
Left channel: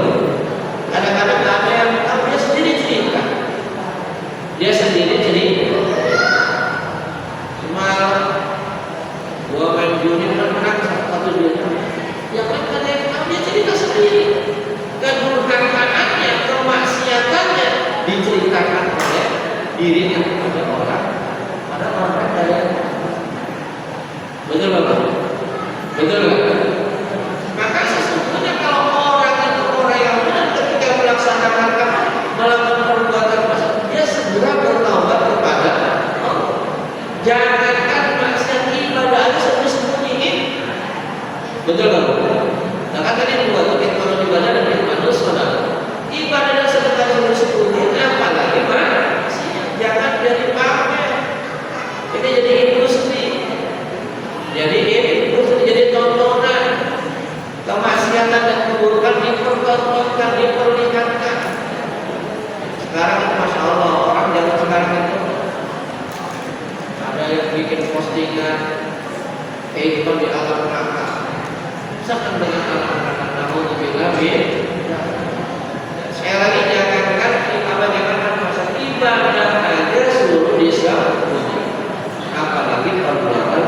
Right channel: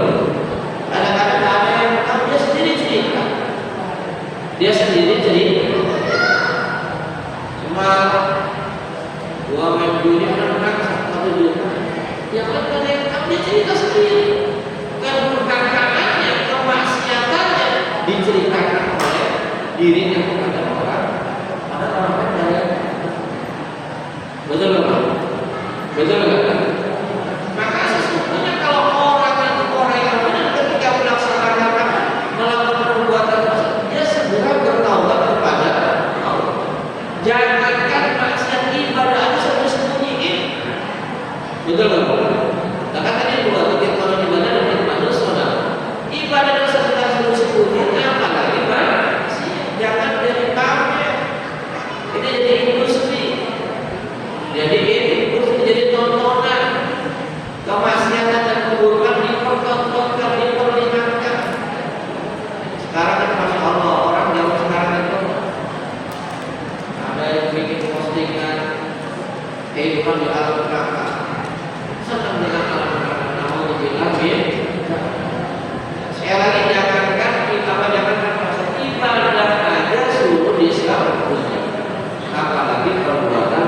Kadang-kadang ada yang dia sendiri cerita, cuma gua main judi menang 1 juta. Yang lain kan yang dia cerita sendiri, kedurhakannya, kemaksiatannya diceritakan oleh dirinya kepada orang. Ada orang lain. Betul nggak? Betul nggak? Maka sesungguhnya kalau orang yang benar ketika melaksanakan melakukan perbuatan tersebut, dia segera bertaubat kepada Allah. Jangankan maksiat ibadah aja sembunyiin. Betul nggak? Nah kan tadi dua titik kalau ibadah dan ibadah saudara. Ibadah yang sedekah sembunyiin apalagi maksiat. Jangan jadi pamer. Ini jadi industri. Jadi tontonan. Kemaksiatan dan keburukan dipertontonkan, diperlihatkan. Sekarang kan Masya Allah, orang zaman sekarang itu ada yang bikin postingan kehidupan di alam neraka, senang dengan alam neraka, namun lebih lebih. Sekali lagi jangankan masa ibadah aja suruh disambut, apalagi perbuatan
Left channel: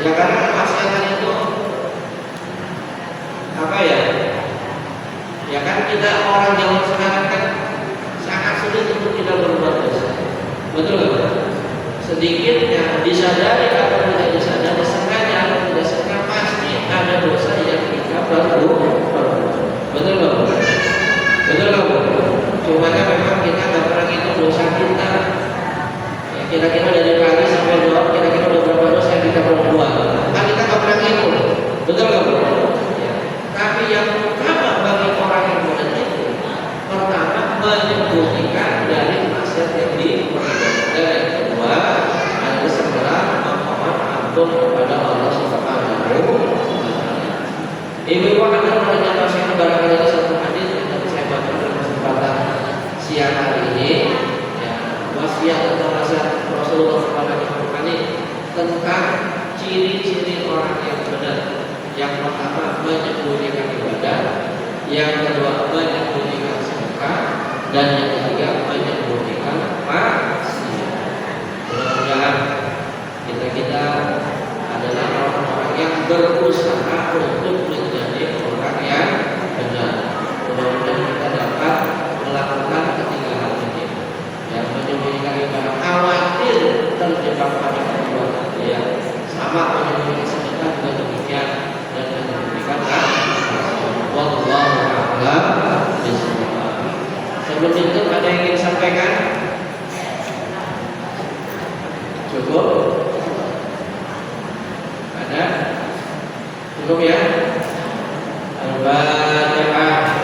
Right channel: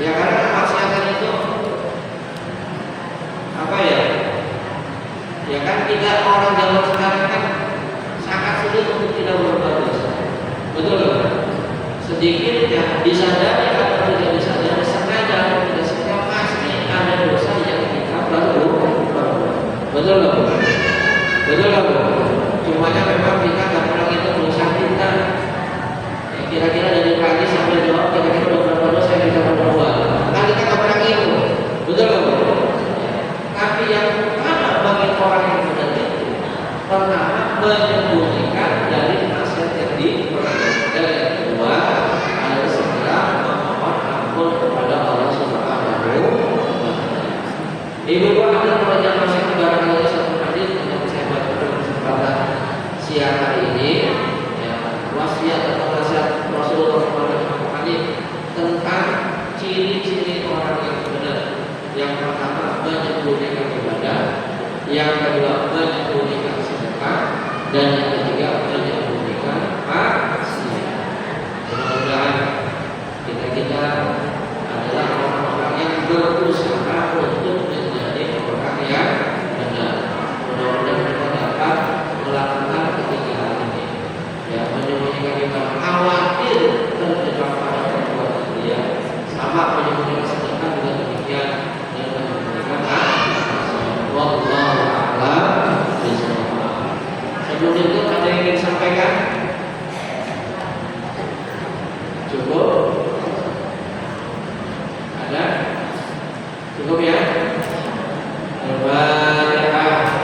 ya karena kemaksiatan itu apa ya? Ya kan kita orang zaman sekarang kan sangat sulit untuk tidak berbuat dosa. Betul nggak? Sedikit yang disadari atau tidak disadari, sengaja atau tidak sengaja, pasti ada dosa yang kita berbuat. Betul nggak? Betul nggak? Cumanya memang kita nggak pernah itu dosa kita. Kira-kira dari pagi sampai jawab kira-kira udah berapa dosa yang kita perbuat. Nah kita nggak pernah itu, betul nggak? Ya. Tapi yang pertama bagi orang yang benar itu, pertama menyembunyikan dari maksiat yang dan yang kedua adalah segera memohon ampun kepada Allah Subhanahu wa Ta'ala. Ibu adalah perjalanan saya barangkali satu hadis yang saya baca dalam kesempatan siang hari ini. Wasiat atau nasihat Rasulullah SAW tentang ciri-ciri orang yang benar. Yang pertama menyembunyikan ibadah, yang kedua menyembunyikan sedekah, dan yang ketiga menyembunyikan maksiat. Mudah-mudahan kita adalah orang-orang yang berusaha untuk menjadi orang yang benar. Mudah-mudahan kita dapat melakukan ketinggalan ini. Yang menyembunyikan ibadah, khawatir terjebak pada perbuatan dia, sama menyembunyikan sedekah juga demikian, dan menyembunyikan maksiat. Wallahu a'lam bishawab. Sebelum itu ada yang ingin sampaikan? Cukup? Ada? Cukup ya? Al-Fatihah.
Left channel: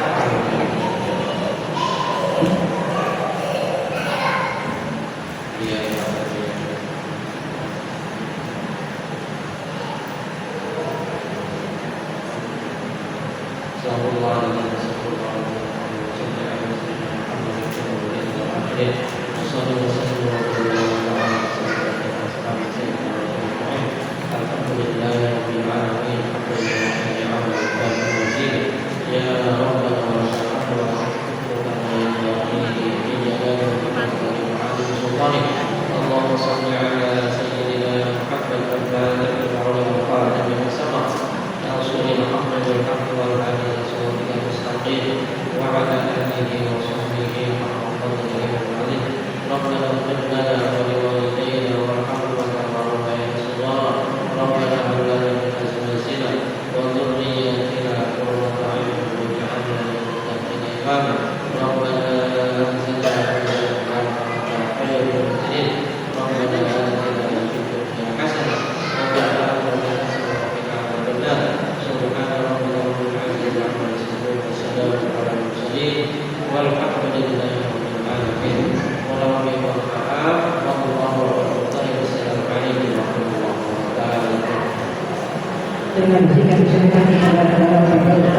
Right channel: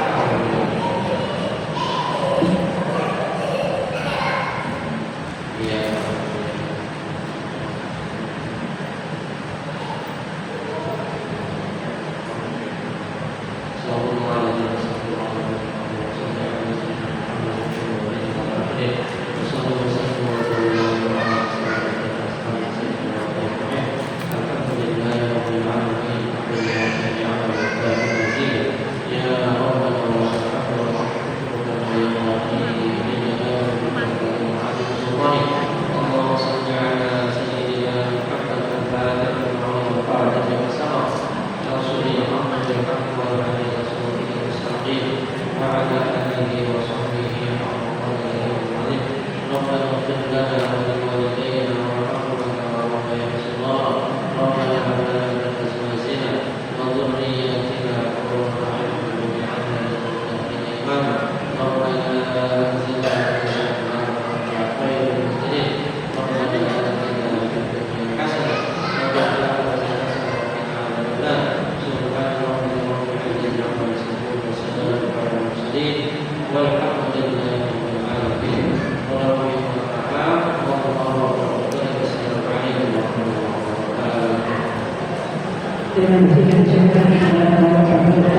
Terima kasih kami ucapkan kepada Bapak Ibu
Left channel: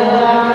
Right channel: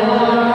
Allah